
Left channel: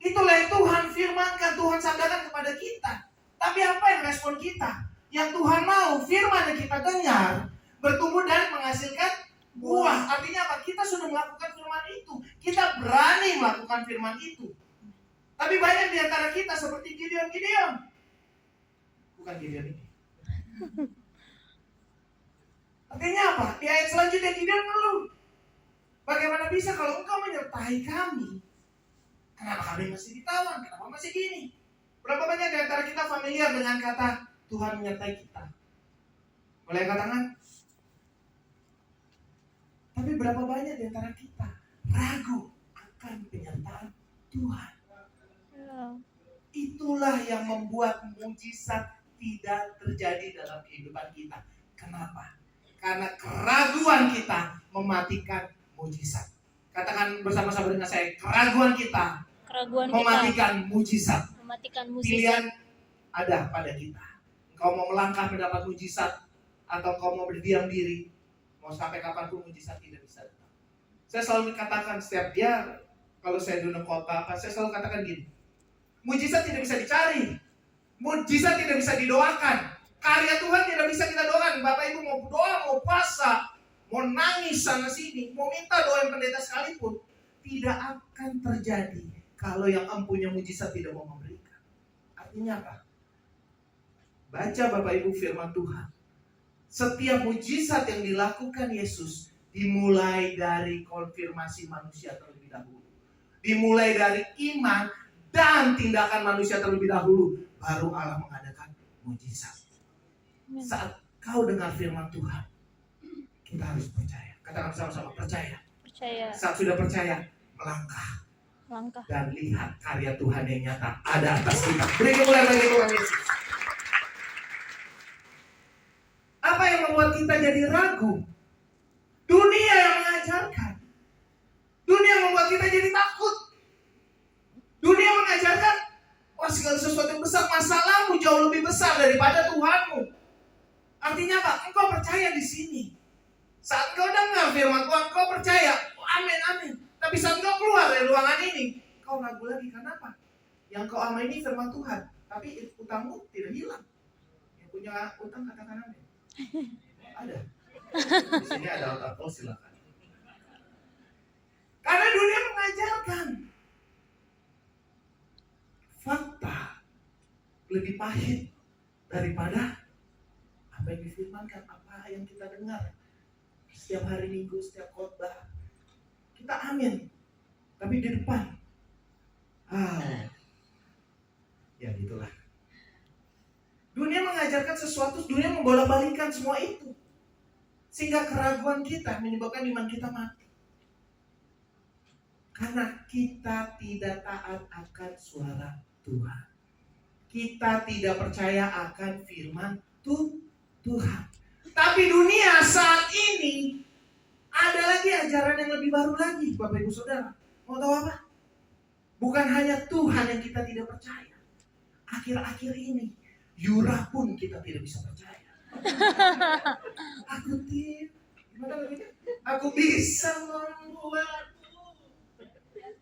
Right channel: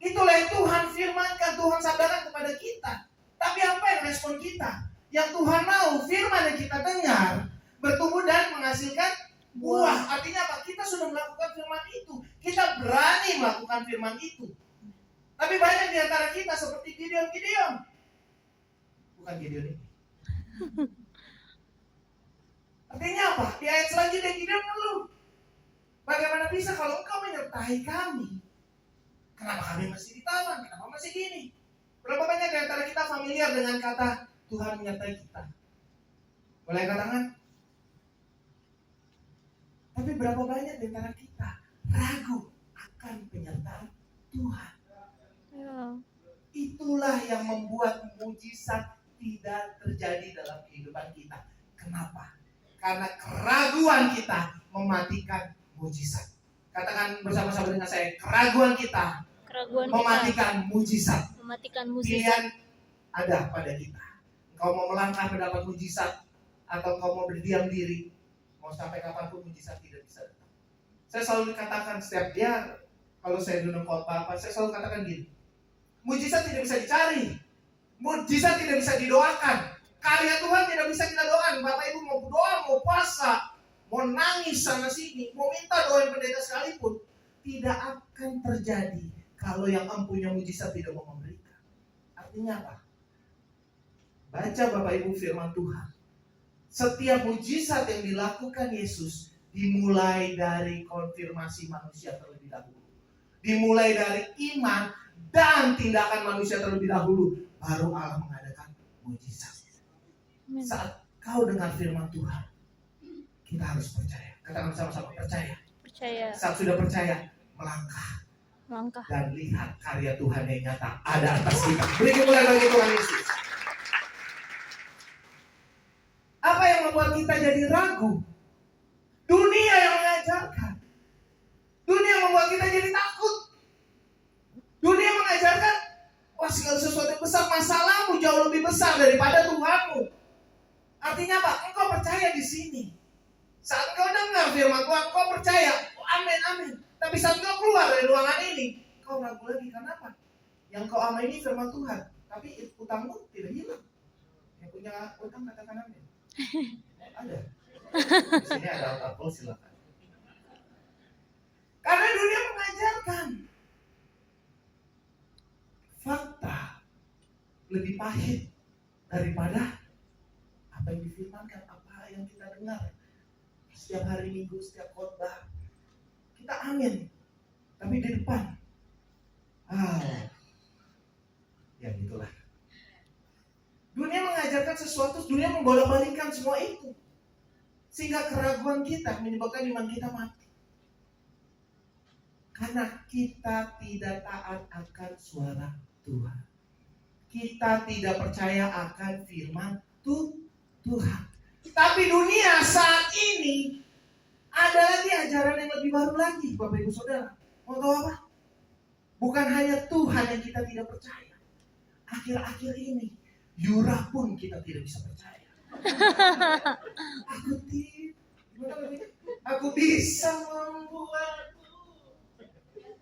Itulah yang Tuhan firmankan, Tuhan sadarkan kepada kita. Tapi apa yang respon kita? Yang Tuhan mau firman yang kita dengar bertumbuh dan menghasilkan buah. Artinya apa? Kita sudah melakukan firman itu. Kita berani melakukan firman itu. Tapi banyak di antara kita seperti Gideon. Bukan Gideon ini. Artinya apa? Di ayat selanjutnya Gideon ngeluh. Bagaimana bisa kalau engkau menyertai kami? Kenapa kami masih ditawan? Kenapa masih gini? Berapa banyak di antara kita familiar dengan kata Tuhan menyertai kita? Boleh angkat tangan? Tapi berapa banyak di antara kita ragu akan penyertaan Tuhan? Itulah yang membuat mujizat tidak terjadi dalam kehidupan kita. Kenapa? Karena keraguan kita mematikan mujizat. Katakan bersama-sama dengan saya, keraguan kita mematikan mujizat. Pilihan ada pada kita. Engkau mau melangkah mendapat mujizat atau engkau mau berdiam diri, mau sampai kapanpun mujizat tidak bisa datang. Saya selalu katakan setiap dia, kalau saya duduk khotbah apa, saya selalu katakan gini, mujizat tidak bisa dicari, mujizat tidak bisa didoakan, karya Tuhan tidak bisa kita doakan. Bapak Ibu mau doa, mau puasa, mau nangis sana sini, mau minta doain pendeta sekalipun, tidak akan terjadi kalau yang empunya mujizat tidak mau memberikan. Artinya apa? Baca Bapak Ibu firman Tuhan. Setiap mujizat yang dilakukan Yesus dimulai dari konfirmasi manusia terlebih dahulu. Dimulai dari iman dan tindakan manusia terlebih dahulu. Baru Allah mengadakan mujizat. Saat kau dengar firman Tuhan, kita harus percaya. Katakan sama-sama, percaya. Percaya. Saat sudah percaya, melangkah. Langkah. Dan lihat karya Tuhan yang nyata ada atas kita. Beri kemuliaan bagi Tuhan Yesus. Apa yang membuat kita jadi ragu? Dunia yang mengajarkan. Dunia yang membuat kita jadi takut. Dunia mengajarkan, wah segala sesuatu yang besar, masalahmu jauh lebih besar daripada Tuhanmu. Artinya apa? Engkau percaya di sini. Saat engkau dengar firman Tuhan, engkau percaya, oh, amin, amin. Tapi saat engkau keluar dari ruangan ini, engkau ragu lagi. Kenapa? Yang kau amini firman Tuhan, tapi utangmu tidak hilang. Yang punya utang katakan amin. Ada. Di sini ada otak, silakan. Karena dunia mengajarkan fakta lebih pahit daripada apa yang difirmankan, apa yang kita dengar setiap hari Minggu, setiap khotbah. Kita amin, tapi di depan ya gitulah. Dunia mengajarkan sesuatu, dunia membolak-balikan semua itu, sehingga keraguan kita menyebabkan iman kita mati. Karena kita tidak taat akan suara Tuhan. Kita tidak percaya akan firman Tuhan. Tapi dunia saat ini ada lagi ajaran yang lebih baru lagi, Bapak Ibu Saudara. Mau tahu apa? Bukan hanya Tuhan yang kita tidak percaya. Akhir-akhir ini Yura pun kita tidak bisa percaya. Aku bisa membuatmu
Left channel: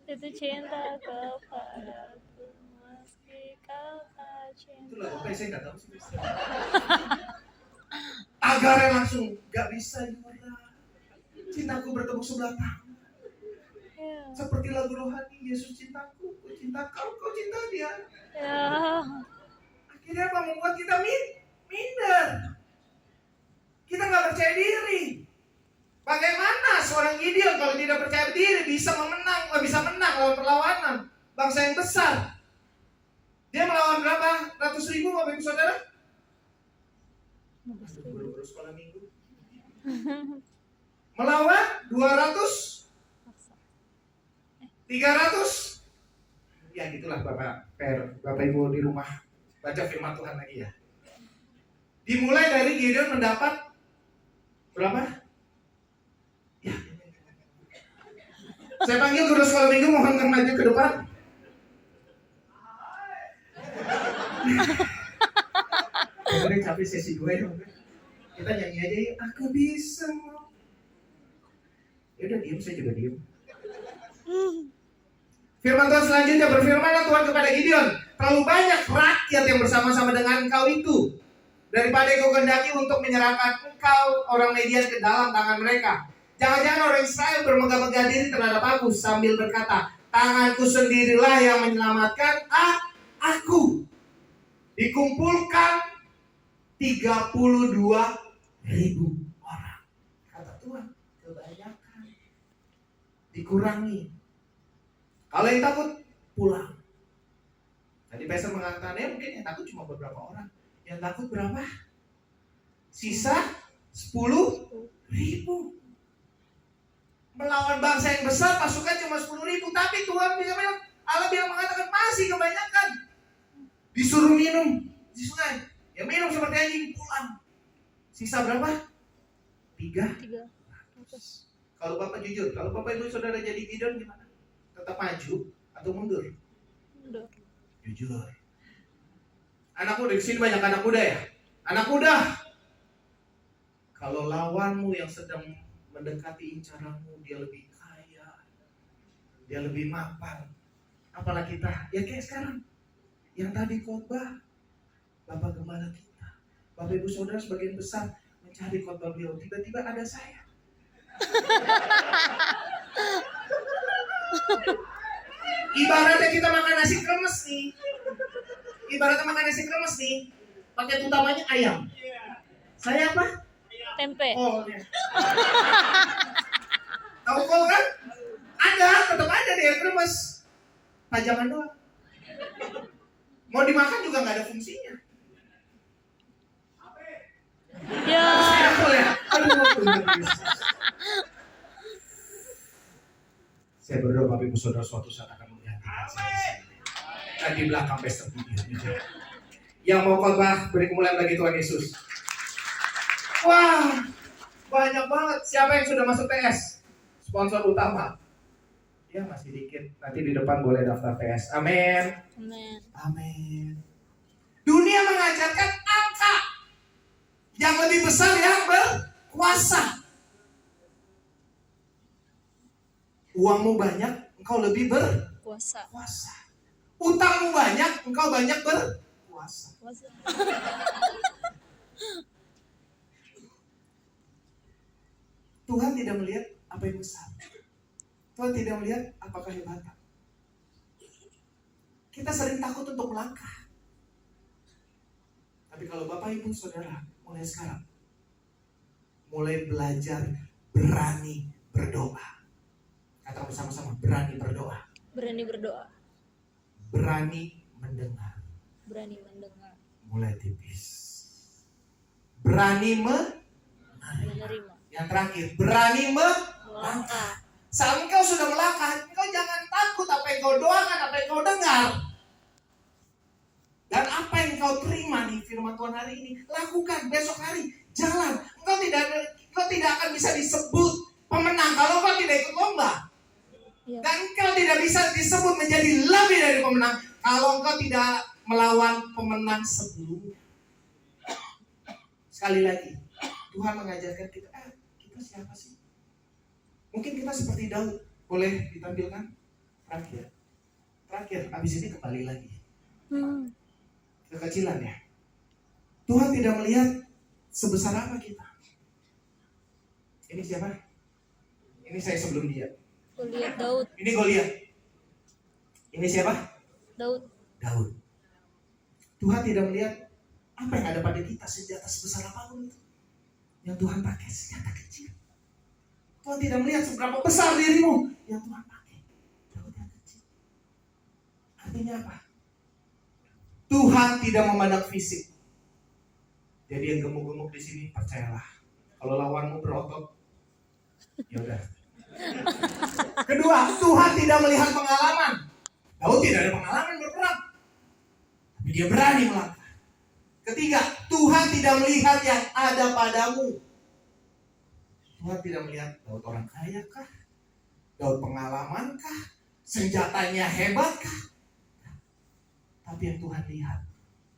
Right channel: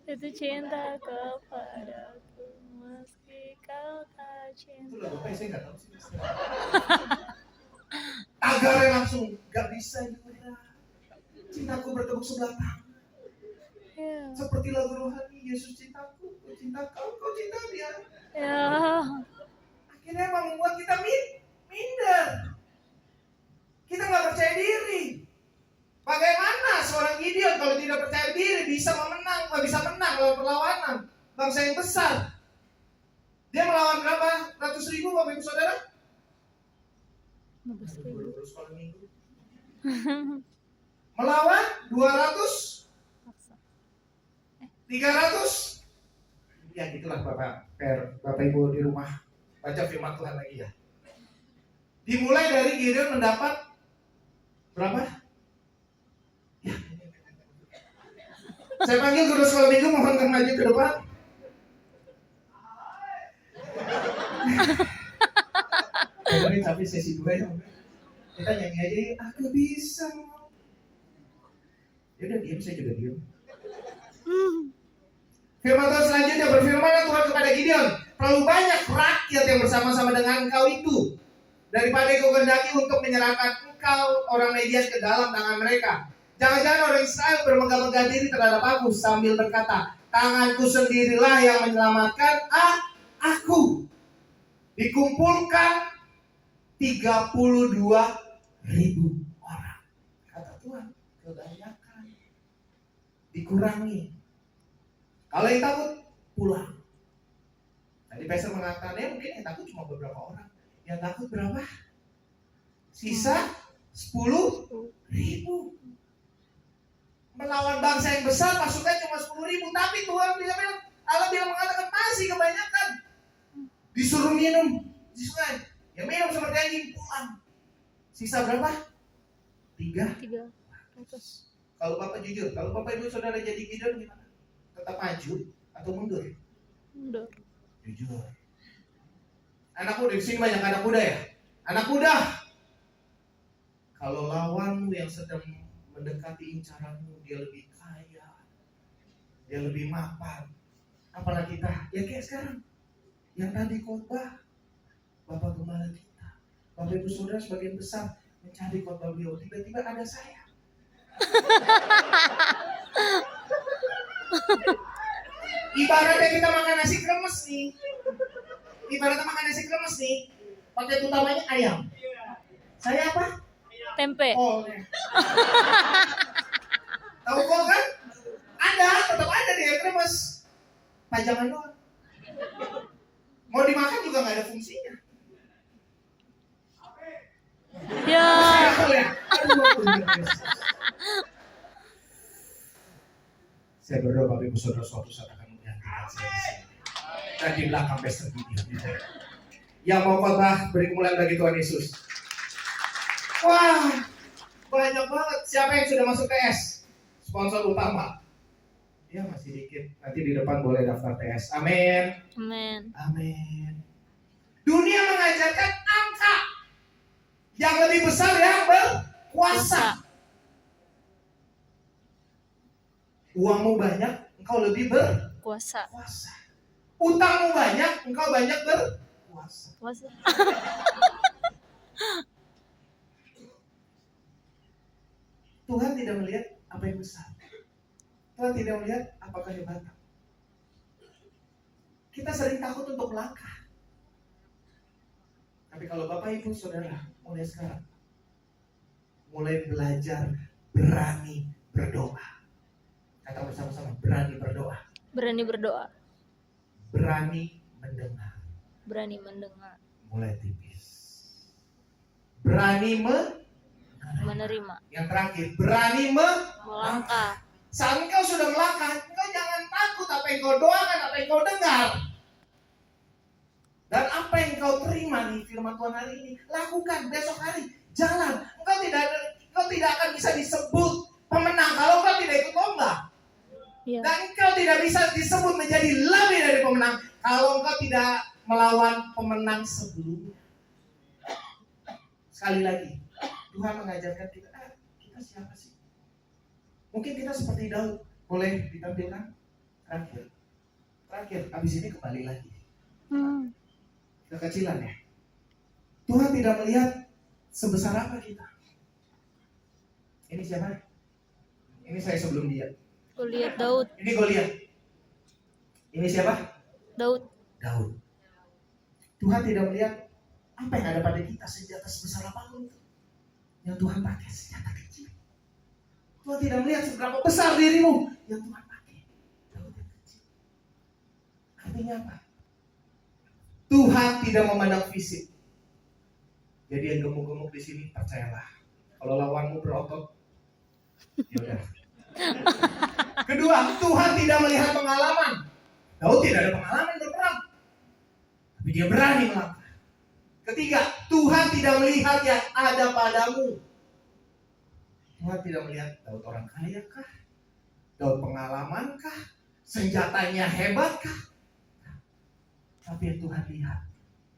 Jatuh cinta kepadaku meski kau tak cinta. Itu lagu apa? Saya nggak tahu sih. Agarnya langsung gak bisa Yura. Cintaku bertepuk sebelah tangan. Ya. Seperti lagu rohani, Yesus cintaku, ku cinta kau, kau cinta dia. Ya. Akhirnya apa? Membuat kita minder. Kita gak percaya diri. Bagaimana seorang Gideon kalau tidak percaya diri bisa menang dalam perlawanan bangsa yang besar? Dia melawan berapa? Ratus ribu Bapak Ibu Saudara? Baru sekolah minggu. Melawan 200, 300. Ya gitulah Bapak Ibu di rumah baca firman Tuhan lagi ya. Dimulai dari Gideon mendapat berapa? Ya. Saya panggil guru sekolah minggu, mohon maju ke depan. Ini capek sesi 2 ya. Kita nyanyi aja ya. Aku bisa. Ya udah diam, saya juga diam. Firman Tuhan selanjutnya berfirman Tuhan kepada Gideon, terlalu banyak rakyat yang bersama-sama dengan engkau itu daripada engkau kehendaki untuk menyerahkan engkau orang Midian ke dalam tangan mereka. Jangan-jangan orang Israel bermegah-megah diri terhadap aku sambil berkata, tanganku sendirilah yang menyelamatkan aku. Dikumpulkan 32.000 orang. Kata Tuhan, kebanyakan. Dikurangi. Kalau yang takut, pulang. Tadi pastor mengatakannya mungkin yang takut cuma beberapa orang. Yang takut berapa? Sisa 10.000. Melawan bangsa yang besar pasukan cuma 10.000. Tapi Tuhan bilang, Allah bilang mengatakan masih kebanyakan. Disuruh minum di sungai. Yang minum seperti anjing, pulang. Sisa berapa? 300. Kalau Bapak jujur, kalau Bapak Ibu Saudara jadi Gideon gimana? Tetap maju atau mundur? Mundur. Jujur. Anak muda, di sini banyak anak muda ya? Anak muda, kalau lawanmu yang sedang mendekati incaranmu, dia lebih kaya, dia lebih mapan, apalagi kita, ya kayak sekarang. Yang tadi khotbah Bapak Gembala kita, Bapak Ibu Saudara sebagian besar mencari khotbah beliau, tiba-tiba ada saya. Ibaratnya kita makan nasi kremes nih. paket utamanya ayam. Saya apa? Tempe. Kol. Tahu kol kan? Ada, tetap ada di air kremes. Pajangan doang. Mau dimakan juga nggak ada fungsinya. Ya. Saya berdoa Bapak Ibu Saudara suatu saat akan menggantikan saya di sini. Dan di belakang Pastor Gideon. Yang mau khotbah beri kemuliaan bagi Tuhan Yesus. Wah, banyak banget. Siapa yang sudah masuk TS? Sponsor utama. Ya masih dikit. Nanti di depan boleh daftar TS. Amin. Amin. Amin. Dunia mengajarkan angka yang lebih besar yang berkuasa. Uangmu banyak, engkau lebih berkuasa. Utangmu banyak, engkau banyak berkuasa. Tuhan tidak melihat apa yang besar. Tuhan tidak melihat apa kehebatan. Kita sering takut untuk melangkah. Tapi kalau Bapak Ibu Saudara mulai sekarang, mulai belajar berani berdoa. Kata bersama-sama, berani berdoa. Berani berdoa. Berani mendengar. Berani mendengar. Mulai tipis. Berani Menerima. Yang terakhir, berani Melangkah. Saat engkau sudah melangkah, engkau jangan takut apa yang kau doakan, apa yang kau dengar. Dan apa yang kau terima nih firman Tuhan hari ini, lakukan besok hari. Jalan. Engkau tidak akan bisa disebut pemenang kalau engkau tidak ikut lomba. Ya. Dan engkau tidak bisa disebut menjadi lebih dari pemenang kalau engkau tidak melawan pemenang sebelumnya. Sekali lagi, Tuhan mengajarkan kita, kita siapa sih? Mungkin kita seperti Daud. Boleh ditampilkan? Terakhir, habis ini kembali lagi. Kekecilan ya. Tuhan tidak melihat sebesar apa kita. Ini siapa? Ini saya sebelum dia. Goliat Daud. Ini Goliat. Ini siapa? Daud. Tuhan tidak melihat apa yang ada pada kita, senjata sebesar apapun itu. Yang Tuhan pakai senjata kecil. Tuhan tidak melihat seberapa besar dirimu. Yang Tuhan pakai Daud yang kecil. Artinya apa? Tuhan tidak memandang fisik. Jadi yang gemuk-gemuk di sini percayalah. Kalau lawanmu berotot, ya udah. Kedua, Tuhan tidak melihat pengalaman. Daud tidak ada pengalaman berperang, tapi dia berani melangkah. Ketiga, Tuhan tidak melihat yang ada padamu. Tuhan tidak melihat Daud orang kaya kah? Daud pengalaman kah? Senjatanya hebat kah? Tapi yang Tuhan lihat,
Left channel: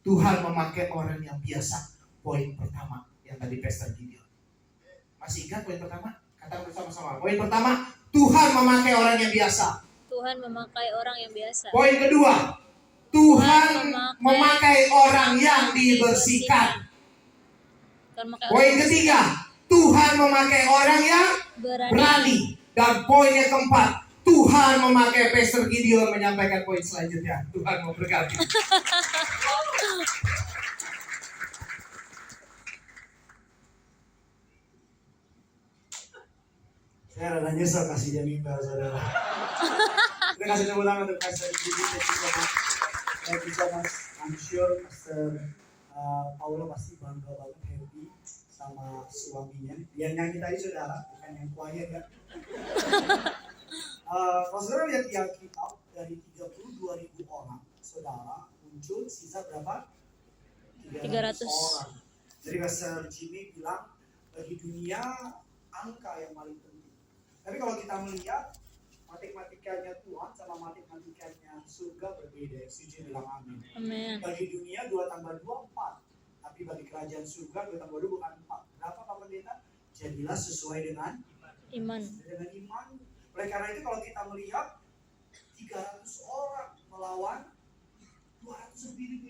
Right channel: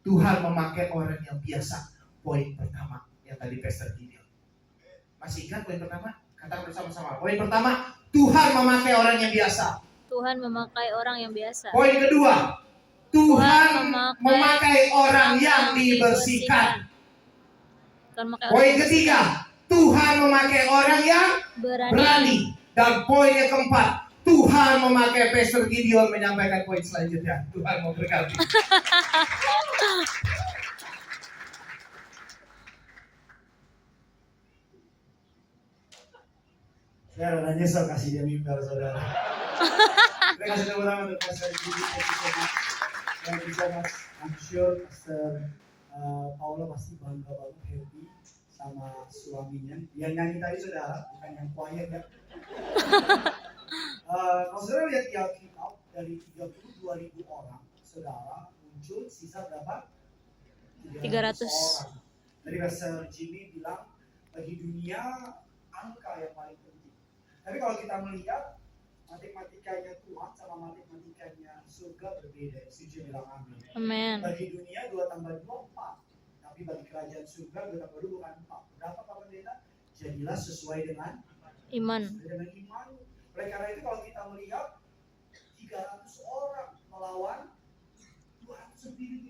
Tuhan memakai orang yang biasa. Poin pertama yang tadi Pastor Gideon. Masih ingat poin pertama? Katakan bersama-sama. Poin pertama, Tuhan memakai orang yang biasa. Tuhan memakai orang yang biasa. Poin kedua, Tuhan memakai orang yang dibersihkan. Poin ketiga, Tuhan memakai orang yang berani. Dan poin yang keempat, Tuhan memakai Pastor Gideon menyampaikan poin selanjutnya. Tuhan memberkati. Saya rada nyesel kasih dia mimbar, saudara. Kita kasih tepuk tangan untuk Pastor Gideon. Thank you so much. I'm sure Pastor Paulo pasti bangga banget, happy sama suaminya. Yang nyanyi tadi saudara, bukan yang quiet ya. Kalau saudara lihat di Alkitab, dari 32.000 orang, saudara muncul sisa berapa? 300 orang. Jadi Pastor Jimmy bilang, bagi dunia angka yang paling penting. Tapi kalau kita melihat matematikanya Tuhan sama matematikanya surga berbeda. Setuju bilang amin. Amin. Bagi dunia 2 tambah 2 4. Tapi bagi kerajaan surga 2 tambah 2 bukan 4. Berapa Pak Pendeta? Jadilah sesuai dengan iman. Dengan iman. Oleh karena itu kalau kita melihat 300 orang melawan 200 lebih